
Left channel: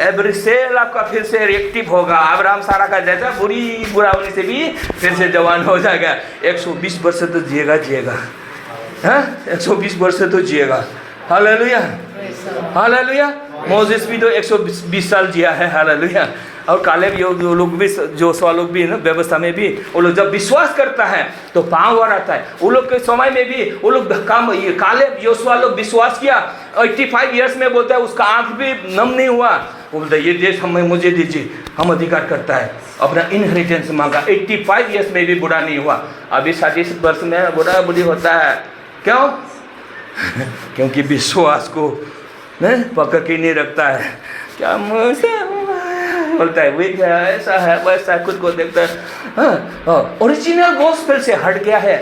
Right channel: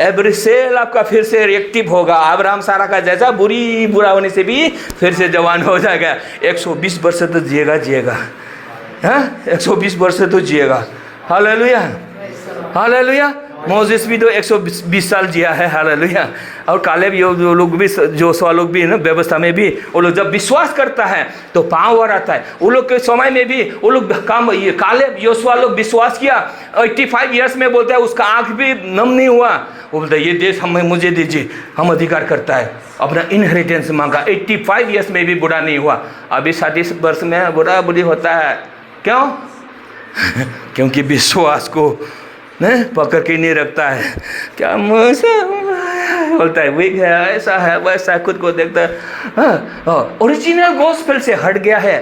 एवरी सेल आपका फिर से एक्टिव होगा। अब्राहम सारा का जैसा बुरा होने से भी फिर से जवान हो जाएगा, 120 वर्ष तो जिएगा, हाँ 120 वर्ष तो जिएगा, हालेलुया, हालेलुया। मोसेस भी तो 120 साल जिया है, हालेलुया। और कालेब लोग भी, जोशुआ लोग भी ना, व्यवस्था में भी वो लोग जब विश्वास करता है तो पावर आता है। वो लोग के समय में भी वो लोग काम, ये कालेब जोशुआ लोग विश्वास किया, 85 ईयर्स में बोलता है उसका आँख भी नम नहीं हुआ, वो बोलता है ये देश हमें, मुझे दीजिए, हम अधिकार करता है, अपना इनहेरिटेंस मांगा। 85 ईयर्स में भी बूढ़ा नहीं हुआ, अभी 60 वर्ष में बूढ़ी होता है। क्यों? क्योंकि विश्वास को पकड़ के नहीं रखता है। क्या मुझे बोलता है वीक है, ऐसा है वैसा, खुद को देखता है, ओरिजिनल गॉस्पेल से हट गया है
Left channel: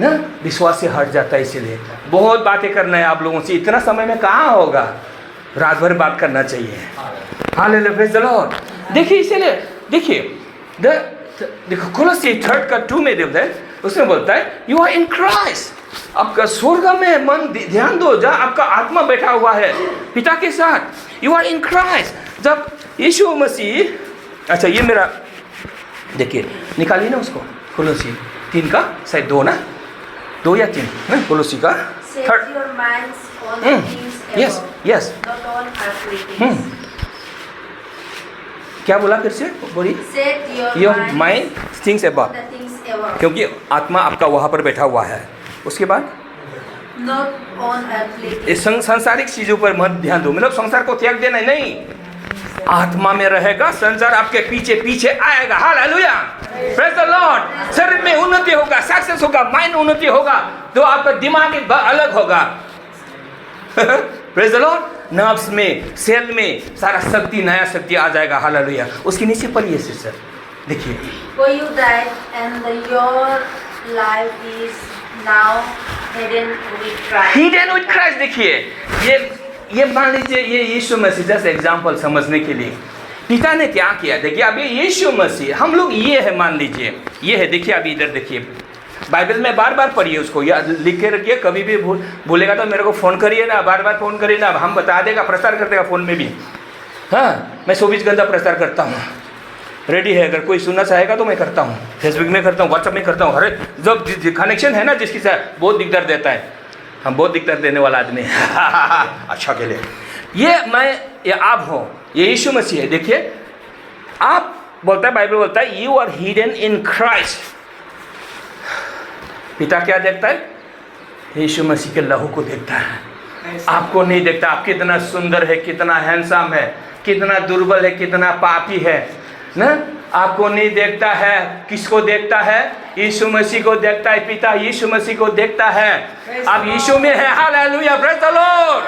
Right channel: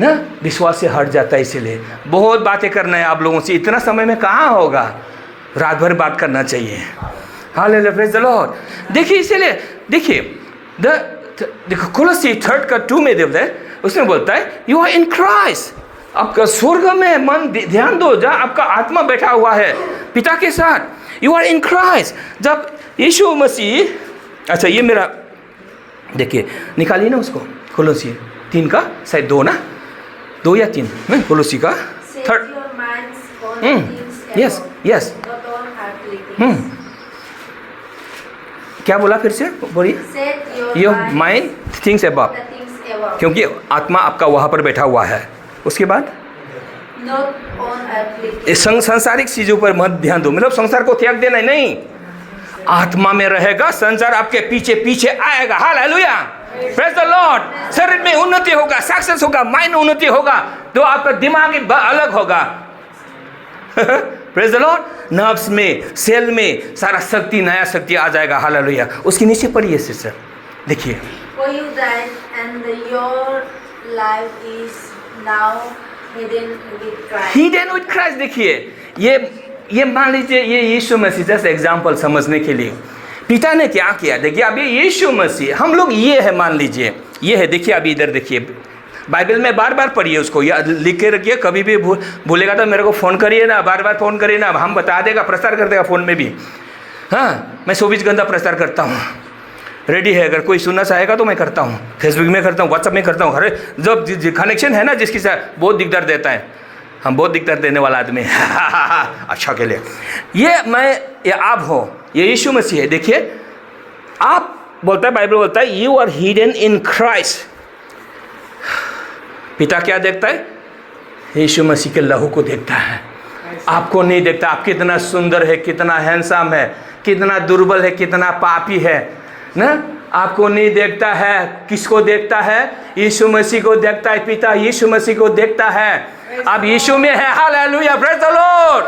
ना, विश्वास से हट जाता है। इसीलिए बहुत बातें करना है आप लोगों से, इतना समय में कहाँ होगा, रात भर बात करना चाहिए, हालेलुया, प्रेज द लॉर्ड। देखिए इसीलिए देखिए देखो कोलोसी 3:2 में देखते हैं, उसमें बोलता है यू आर इन क्राइस्ट। आपका स्वर्ग में मन, ध्यान दो, जहाँ आपका आत्मा बैठा हुआ है पिता के साथ, यू आर इन क्राइस्ट। जब यीशु मसीह अच्छा ये मेरा देखिए, निकालिए ना उसको, कोलोसी 3 का शायद 2 ना, 2 या 3 ना, कोलोसी का Set 3rd। your minds on the things Yes, above, yes। not on earthly things. क्या बोला फिर से बोलिए? Set your your minds mind things on above, the things above, क्योंकि आत्मा आपका वहाँ पर बैठा हुआ है। उसके बाद not on earthly ये things. संसारिक चीजों पर मत ध्यान दो, मतलब संसार को त्याग देना नहीं, आत्मा में रहेगा, संसार आपके पीछे पीछे आएगा। Hallelujah, praise the Lord. शरीर में उन्नति होगा, सक्सेस होगा, माइंड उन्नति होगा, तो आपका दिमाग एक अलग होगा। Praise the Lord. नर्व्स में, सेल में सारा शक्ति, नया शक्ति आ जाएगा। हालेलुया। उसके नीचे पढ़िए सिस्टर, देखिए। For you died, and your life is now hidden with Christ. Hidden with Christ. देखिए ये मान लीजिए, ये यीशु मसीह, जैसे एग्जाम्पल समझने के लिए पिता ने क्या किया। देखिए अब ये यीशु मसीह, हम लोग ये है, मान लीजिए ये है। देखिए अभी इधर देखिए, बाइबल में बार बार पढ़िए उसको, या लिख के रखिए, कभी भी भूलेगा तो मेरे को फ़ोन करिए ना, बार बार फ़ोन करिए ना, हम बता देगा, प्रचार कर देगा फ़ोन में भी। हाँ, मैं 24 घंटा प्रचार करता हूँ, रेडी है, अगर कोई सुनना चाहेगा तो मैं करता हूँ, फेसबुक में करता हूँ, व्हाट्सअप में करता हूँ। अरे जब कनेक्शन है ना जिसके साथ, बहुत दिक्कत देता है, हम बहुत दिक्कत देने वाला आदमी है। अच्छा के लिए ये आप हो, ये यीशु मसीह है। देखिए आप बोलता है, बाइबल बोलता है you are hidden in Christ. पिता क्या देखता है? यीशु मसीह के लहू को देखता है, आपको नहीं देखता। आप कितना सुंदर है, कितना हैंडसम है, कितना दुर्बल है, कितना पापी है ना, आपको नहीं देखता है। किसको देखता है? यीशु मसीह को देखता है। पिता यीशु मसीह को देखता है। अब यीशु में है। Hallelujah, praise the Lord,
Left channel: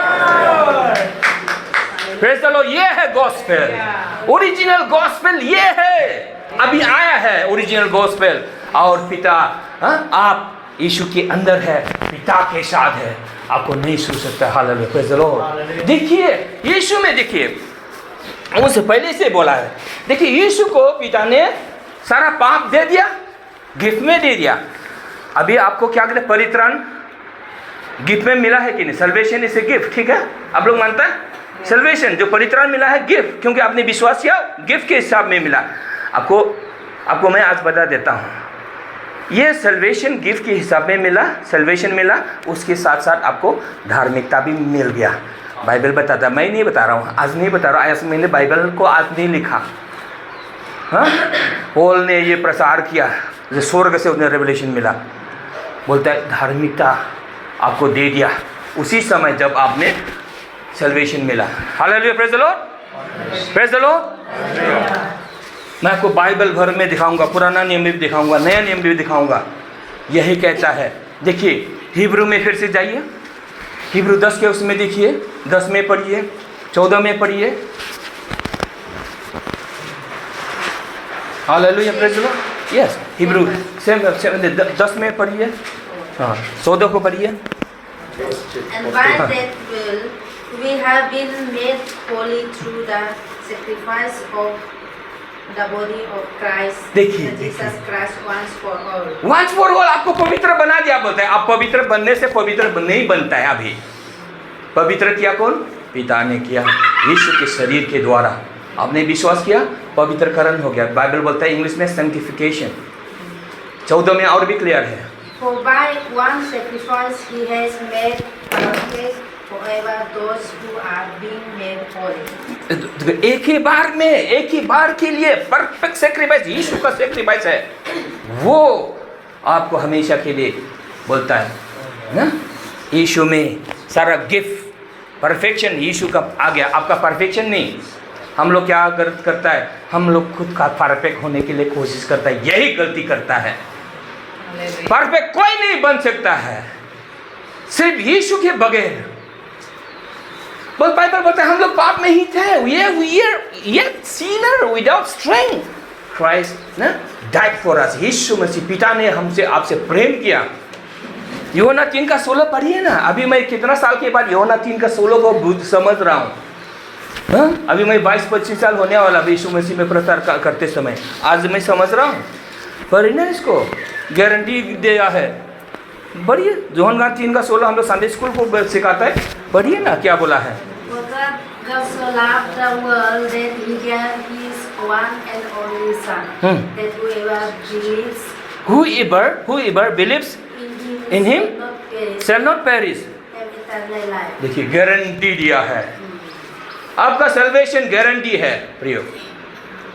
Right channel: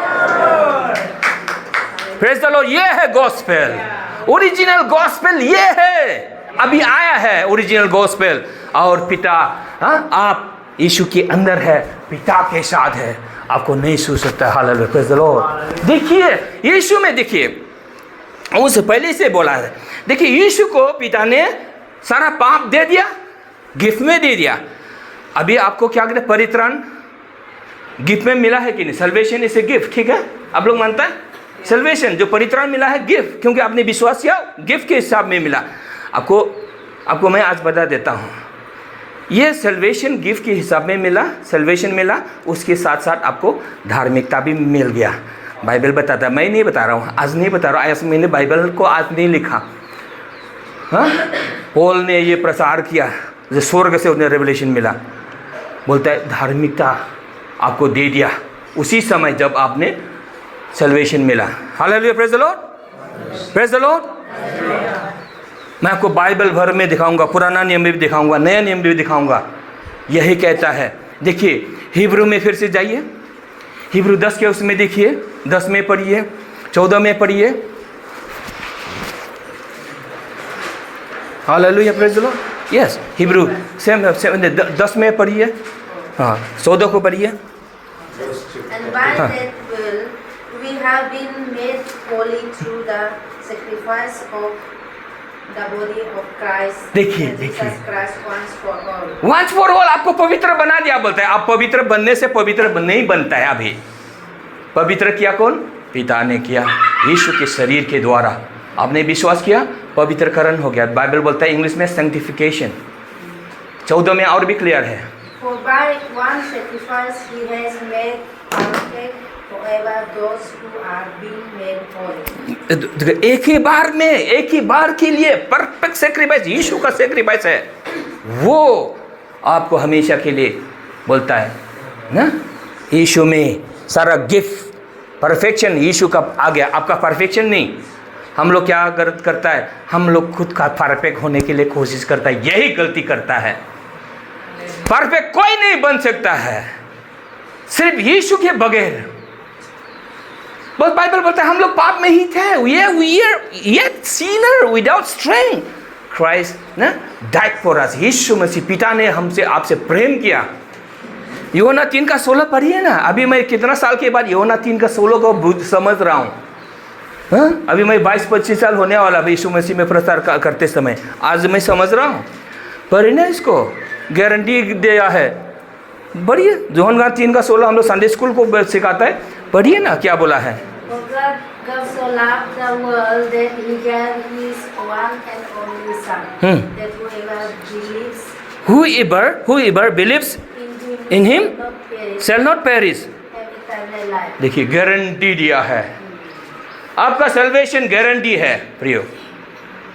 praise the Lord. ये है गॉस्पेल, ओरिजिनल गॉस्पेल ये है, अभी आया है ओरिजिनल गॉस्पेल। और पिता, आप यीशु के अंदर है, पिता के साथ है, आपको नहीं छू सकता। Hallelujah, praise the lord. देखिए यीशु में, देखिए उससे पहले से बोला है। देखिए यीशु को पिता ने सारा पाप दे दिया, गिफ्ट में दे दिया। अभी आपको क्या कहते हैं? परित्राण गिफ्ट में मिला है कि नहीं? सल्वेशन इज ए गिफ्ट, ठीक है, आप लोग मानता है? सल्वेशन जो परित्राण मिला है गिफ्ट, क्योंकि आपने विश्वास किया, गिफ्ट के हिसाब में मिला। आपको मैं आज बता देता हूँ, ये सल्वेशन गिफ्ट के हिसाब में मिला, सल्वेशन मिला, उसके साथ साथ आपको धार्मिकता भी मिल गया। बाइबल बताता, मैं नहीं बता रहा हूँ, आज नहीं बता रहा हूँ, आज मैंने बाइबल को आज नहीं लिखा। हाँ, पॉल ने ये प्रचार किया, जो स्वर्ग से उन्हें रेवलेशन मिला, बोलता है धार्मिकता आपको दे दिया उसी समय जब आपने सल्वेशन मिला। Hallelujah, praise the Lord, praise the Lord. मैं आपको बाइबल भर में दिखाऊंगा, पुराना नियम में भी दिखाऊंगा, नया नियम भी दिखाऊंगा। यही कहता है। देखिए हिब्रू में फिर से जाइए, हिब्रू 10 के उसमें देखिए, 10 में पढ़िए, 14 में पढ़िए। Hallelujah, praise the Lord. Yes, Hebrew 10 में पढ़िए, हाँ 14 को पढ़िए। And by that will we have been made holy through the sacrifice of the body of Christ. देखिए, Jesus Christ once for all. Once for all आपको पवित्र बना दिया, बोलता है। आप पवित्र बनने से पवित्र नहीं बनता है। अभी पवित्र किया कौन? पिता ने किया, यीशु के शरीर के द्वारा। आपने विश्वास किया, पवित्रकरण हो गया। बाइबल बोलता है इंग्लिश में सैंक्टिफिकेशन। 14 में और भी क्लियर है। For by one sacrifice he has made perfect forever those who are being made holy. एक ही बार में, एक ही बार के लिए परफेक्ट सैक्रिफाइस यीशु का सैक्रिफाइस है, वो आपको हमेशा के लिए बोलता है ना। यीशु में सारा गिफ्ट, परफेक्शन यीशु का आ गया, आपका परफेक्शन नहीं। हम लोग क्या करता है? हम लोग खुद का परफेक्ट होने के लिए कोशिश करता है, यही गलती करता है। परफेक्ट कोई नहीं बन सकता है सिर्फ यीशु के बगैर। बस बाइबल बोलता है हम लोग पाप में ही थे, yet sinner without strength. Christ ना died for us. यीशु मसीह, पिता ने हमसे, आपसे प्रेम किया। यूहन्ना 3 का 16 पढ़िए ना। अभी मैं कितना साल के बाद यूहन्ना 3 का 16 को समझ रहा हूँ। हाँ? अभी मैं 22-25 साल होने वाला यीशु मसीह में प्रचार करते समय, आज मैं समझ रहा हूँ। पढ़िए ना, इसको गारंटी दिया है। बढ़िए, यूहन्ना 3 का 16 हम लोग संडे स्कूल को सिखाता है। पढ़िए ना क्या बोला है। For God God so loved the world that He gave His one and only Son, that whoever believes whoever believes in Him not perish, shall not perish. have eternal life. देखिए guarantee दिया है, आपका salvation guarantee है प्रियो।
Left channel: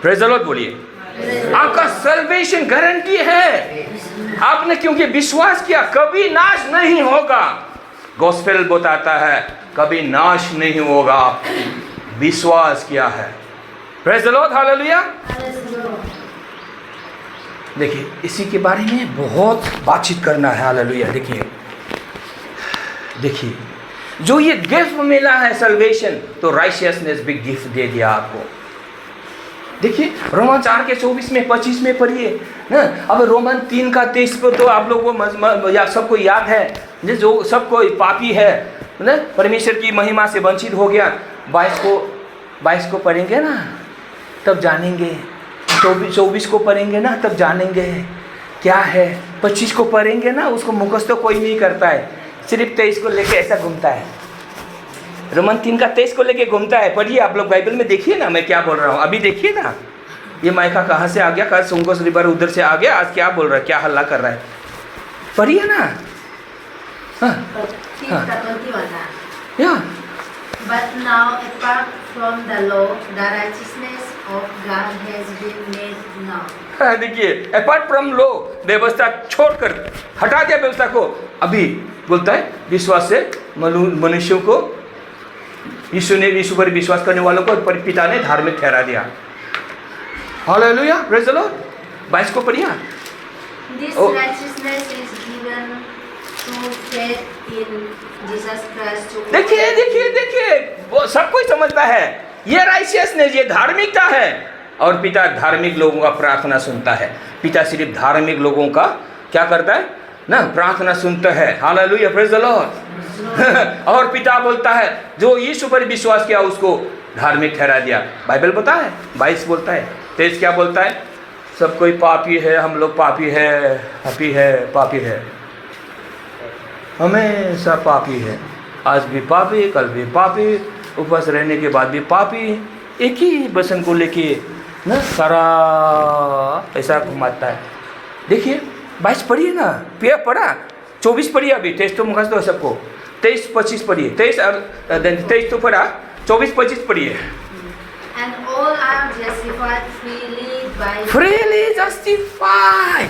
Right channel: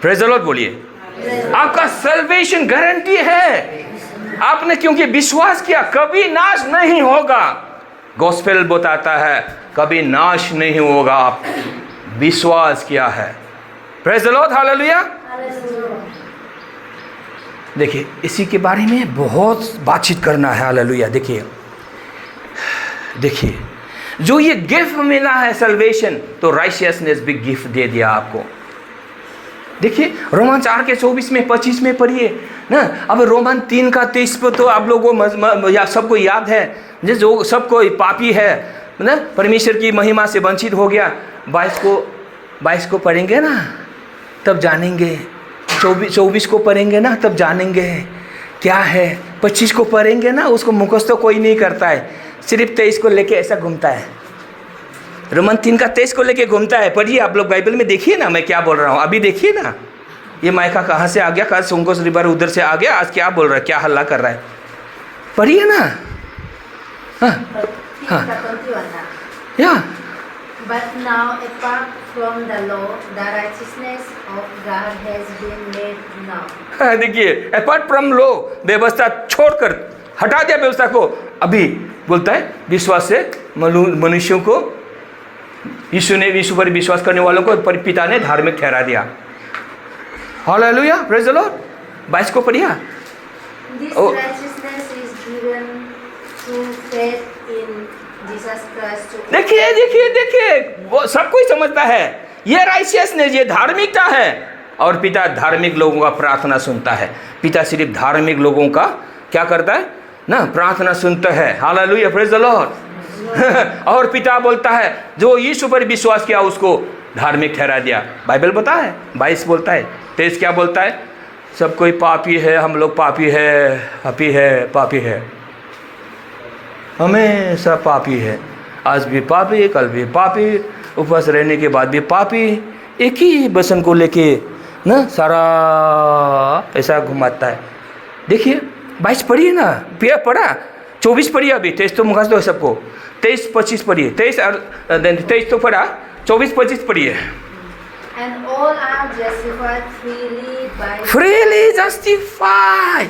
Praise the Lord बोलिए। आपका salvation guarantee है। आपने क्योंकि विश्वास किया, कभी नाश नहीं होगा। गॉस्पेल बताता है कभी नाश नहीं होगा, विश्वास किया है। Praise the lord, hallelujah. देखिए इसी के बारे में बहुत बातचीत करना है, हालेलुया। देखिए जो ये गिफ्ट मिला है सल्वेशन, तो राइशियसनेस भी गिफ्ट दे दिया आपको। देखिए रोमन 4 के 24 में 25 में पढ़िए ना। अब रोमन 3 का 23 पर तो आप लोगों को सबको याद है, जो सबको पापी है ना, परमेश्वर की महिमा से वंचित हो गया। 22 को पढ़ेंगे ना तब जानेंगे, 24 को पढ़ेंगे ना तब जानेंगे क्या है। 25 को पढ़ेंगे ना, उसको मुखस्त तो कोई नहीं करता है, सिर्फ 23 को लेके ऐसा घूमता है। रोमन 3 का 23 को लेके घूमता है। पढ़िए आप लोग बाइबल में, देखिए ना मैं क्या बोल रहा हूँ। अभी देखिए ना, ये माइका कहाँ से आ गया, कहाँ सुंगोस रिवर उधर से आ गया, आज क्या बोल रहा है, क्या हल्ला कर रहा है। पढ़िए ना। या But now, apart from the law, the righteousness of God has been made known. देखिए अपार्ट फ्रॉम लॉ, व्यवस्था छोड़कर हटा दिया व्यवस्था को। अभी बोलता है विश्वास से मनुष्यों को, यीशु पर विश्वास करने वालों को पिता ने धार्मिक ठहरा दिया। Hallelujah, praise the Lord. 22 को पढ़िए। This righteousness is given through faith in Jesus Christ. देखिए वो सब कोई समझता है, ये राइशियसनेस, ये धार्मिकता है। और पिता धार्मिक लोगों का प्रार्थना सुनता है। पिता सिर्फ धार्मिक लोगों का क्या करता है ना, प्रार्थना सुनता है। Hallelujah, praise the Lord. और पिता बोलता है जो यीशु पर विश्वास किया उसको धार्मिक ठहरा दिया। बाइबल बोलता है, 22 बोलता है। 23 क्या बोलता है, सब कोई पापी है, हम लोग पापी है, हमेशा पापी है। आज भी पापी, कल भी पापी, उपवास रहने के बाद भी पापी। एक ही वचन को लेके ना सारा ऐसा घुमाता है। देखिए 22 पढ़िए ना, पिया पढ़ा। 24 पढ़िए, अभी 23 तो मुखास्त है सबको। 23-25 पढ़िए। 23 तो पढ़ा, 24-25 पढ़िए। And all are justified freely justified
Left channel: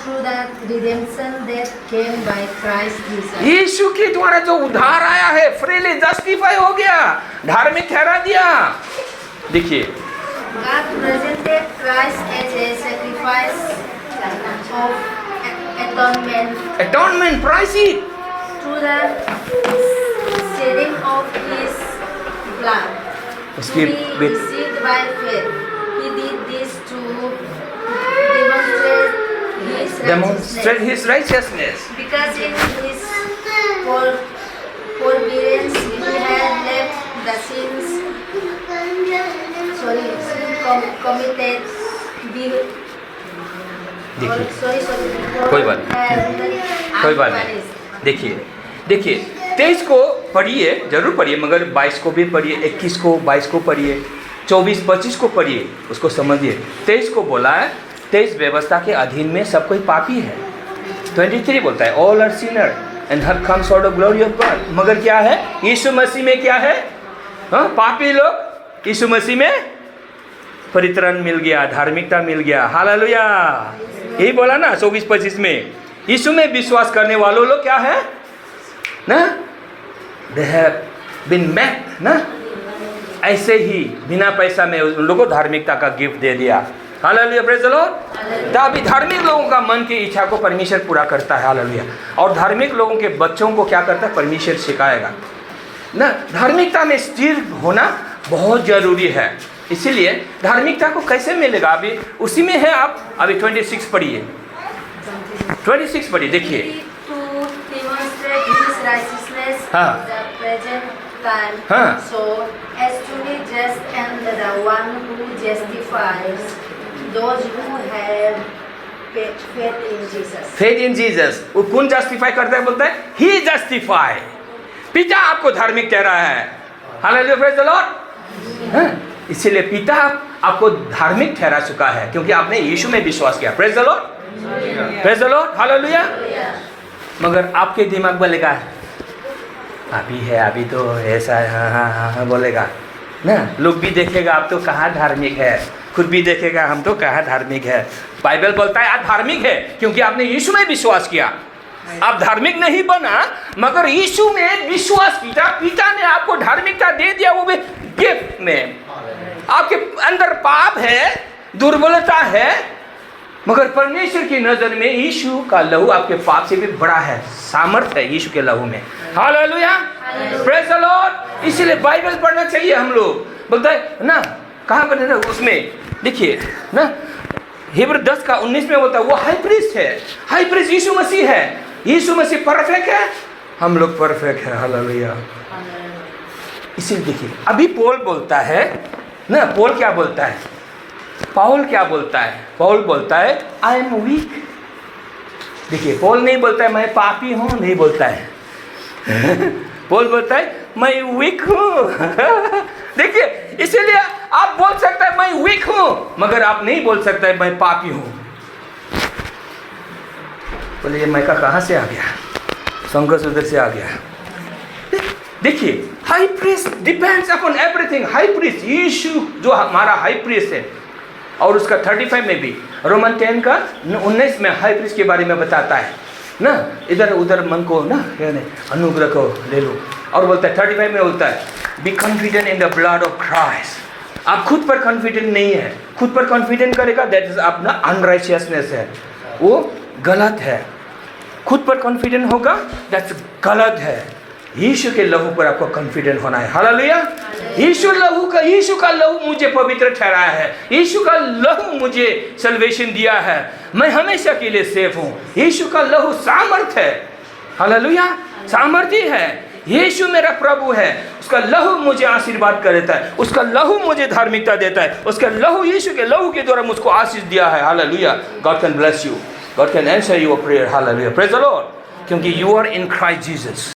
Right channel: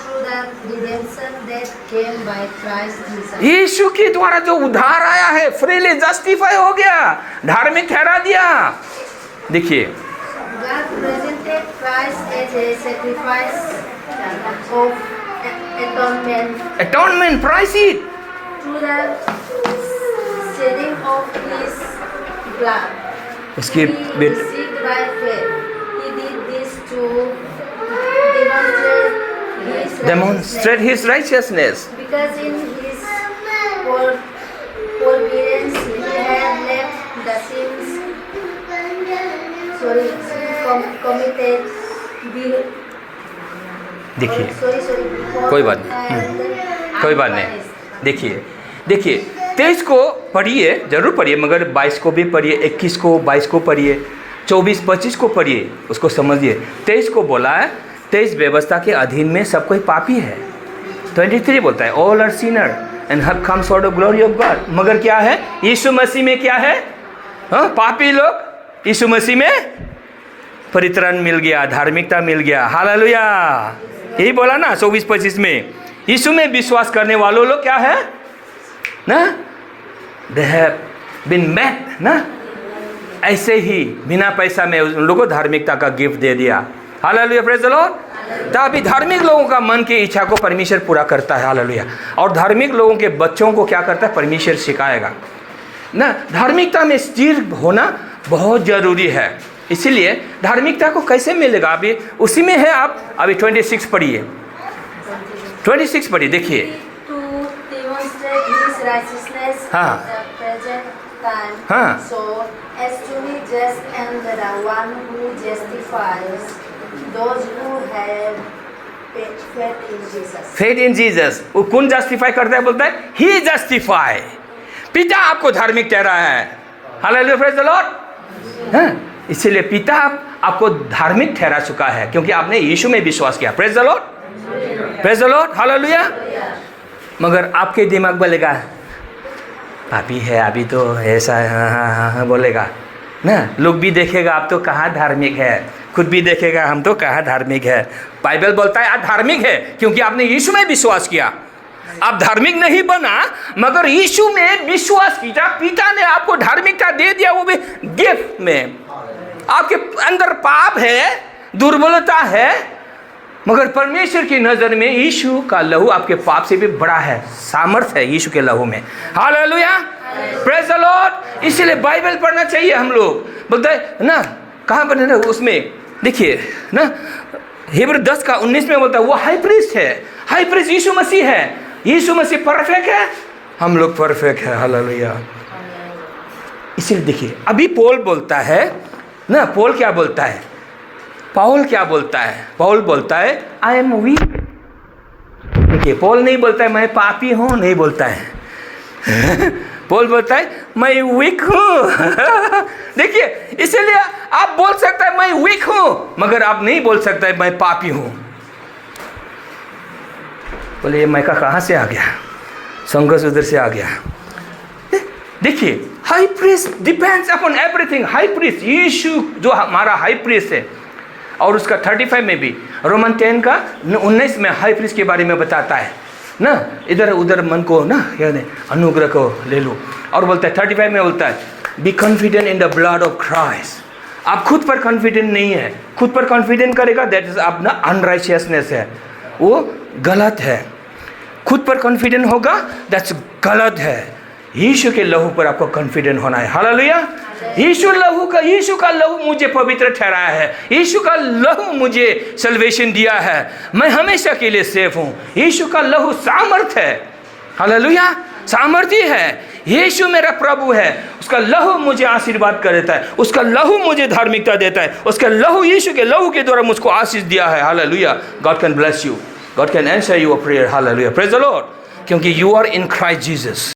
through the redemption that came by Christ Jesus. यीशु के द्वारा जो उद्धार आया है, फ्रीली जस्टिफाई हो गया, धार्मिक ठहरा दिया। देखिए God presented Christ as a sacrifice of atonement price it through the shedding of His blood. उसकी received by faith. He did this to demonstrate His righteousness. Because in His forbearance He had left the sins committed. देखिए कोई बात नहीं। देखिए 23 को पढ़िए, जरूर पढ़िए, मगर 22 को भी पढ़िए, 21 को, 22 को पढ़िए, 24-25 को पढ़िए, उसको समझिए। 23 को बोला है, 23 व्यवस्था के अधीन में सब कोई पापी है। 23 बोलता है all are sinner and have come short of glory of God. मगर क्या है, यीशु मसीह में क्या है, हाँ पापी लोग यीशु मसीह में परित्राण मिल गया, धार्मिकता मिल गया। हालेलुया, यही बोला ना 24-25 में। यीशु में विश्वास करने वालों लोग क्या है ना, दे हैव बीन मेड ना, ऐसे ही बिना पैसा में उन लोगों को धार्मिकता का गिफ्ट दे दिया। Hallelujah, praise the Lord. तो अभी धार्मिक लोगों का मन की इच्छा को परमेश्वर पूरा करता है। हालेलुया। और धार्मिक लोगों के बच्चों को क्या करता है, परमेश्वर सिखाएगा ना। धार्मिकता में स्थिर होना बहुत जरूरी है। इसीलिए धार्मिकता को कैसे मिलेगा, अभी उसी में है। आप अभी 26 पढ़िए, 26 पढ़िए, देखिए। हाँ हाँ, so as to be just and the one who justifies those who have faith in Jesus. Faith in Jesus। वो कौन जस्टिफाई करता है, बोलता है ही जस्टिफाई। पिता आपको धार्मिक ठहरा है। Hallelujah, praise the Lord. हाँ, इसीलिए पिता आपको धार्मिक ठहरा चुका है क्योंकि आपने यीशु में विश्वास किया। Praise the Lord, praise the lord, hallelujah. मगर आपके दिमाग बोलेगा अभी है, अभी तो ऐसा है, हाँ बोलेगा ना। लोग भी देखेगा आप तो कहाँ धार्मिक है, खुद भी देखेगा हम तो कहाँ धार्मिक है। बाइबल बोलता है आप धार्मिक है क्योंकि आपने यीशु में विश्वास किया। आप धार्मिक नहीं बना मगर यीशु में विश्वास किया, पिता ने आपको धार्मिकता दे दिया, वो भी गिफ्ट में। आपके अंदर पाप है, दुर्बलता है, मगर परमेश्वर की नजर में यीशु का लहू आपके पाप से भी बड़ा है, सामर्थ्य है यीशु के लहू में। Hallelujah, praise the Lord. इसलिए बाइबल पढ़ना चाहिए हम लोग। बोलता है ना, कहाँ बने ना उसमें देखिए ना, हिब्रू 10:19 में बोलता है वो हाई प्रीस्ट है, हाई प्रीस्ट यीशु मसीह है। यीशु मसीह परफेक्ट है, हम लोग परफेक्ट है। हालेलुया। इसीलिए देखिए अभी पौल बोलता है ना, पौल क्या बोलता है, पौल क्या बोलता है, पौल बोलता है आई एम वीक। देखिए पौल नहीं बोलता है मैं पापी हूँ, नहीं बोलता है पौल बोलता है मैं वीक हूँ देखिए, इसीलिए आप बोल सकते हैं मैं वीक हूँ मगर आप नहीं बोल सकते मैं पापी हूँ। बोले ये मैं का कहाँ से आ गया, संघर्ष उधर से आ गया। देखिए high priest depends upon everything. High priest यीशु जो हमारा हाई प्रीस्ट है, और उसका 35 में भी रोमन 10 का 19 में हाई प्रीस्ट के बारे में बताता है ना। इधर उधर मन को ना यानी अनुग्रह को ले लो। और बोलता है 35 में बोलता है be confident in the blood of Christ. आप खुद पर कॉन्फिडेंट नहीं है, खुद पर कॉन्फिडेंट करेगा दैट इज अपना अनराइचियसनेस है, वो गलत है। खुद पर कॉन्फिडेंट होगा दैट्स गलत है। यीशु के लहू पर आपको कॉन्फिडेंट होना है। हालेलुया। यीशु का लहू मुझे पवित्र ठहराया है, यीशु का लहू मुझे सल्वेशन दिया है, मैं हमेशा के लिए सेफ हूँ। यीशु का लहू सामर्थ है। हालेलुया, सामर्थ्य है। यीशु मेरा प्रभु है, उसका लहू मुझे आशीर्वाद कर देता है, उसका लहू मुझे धार्मिकता देता है, उसका लहू यीशु के लहू के द्वारा मुझको आशीष दिया है। Hallelujah. God can bless you, God can answer your prayer. Hallelujah, praise the Lord. क्योंकि you are in Christ Jesus.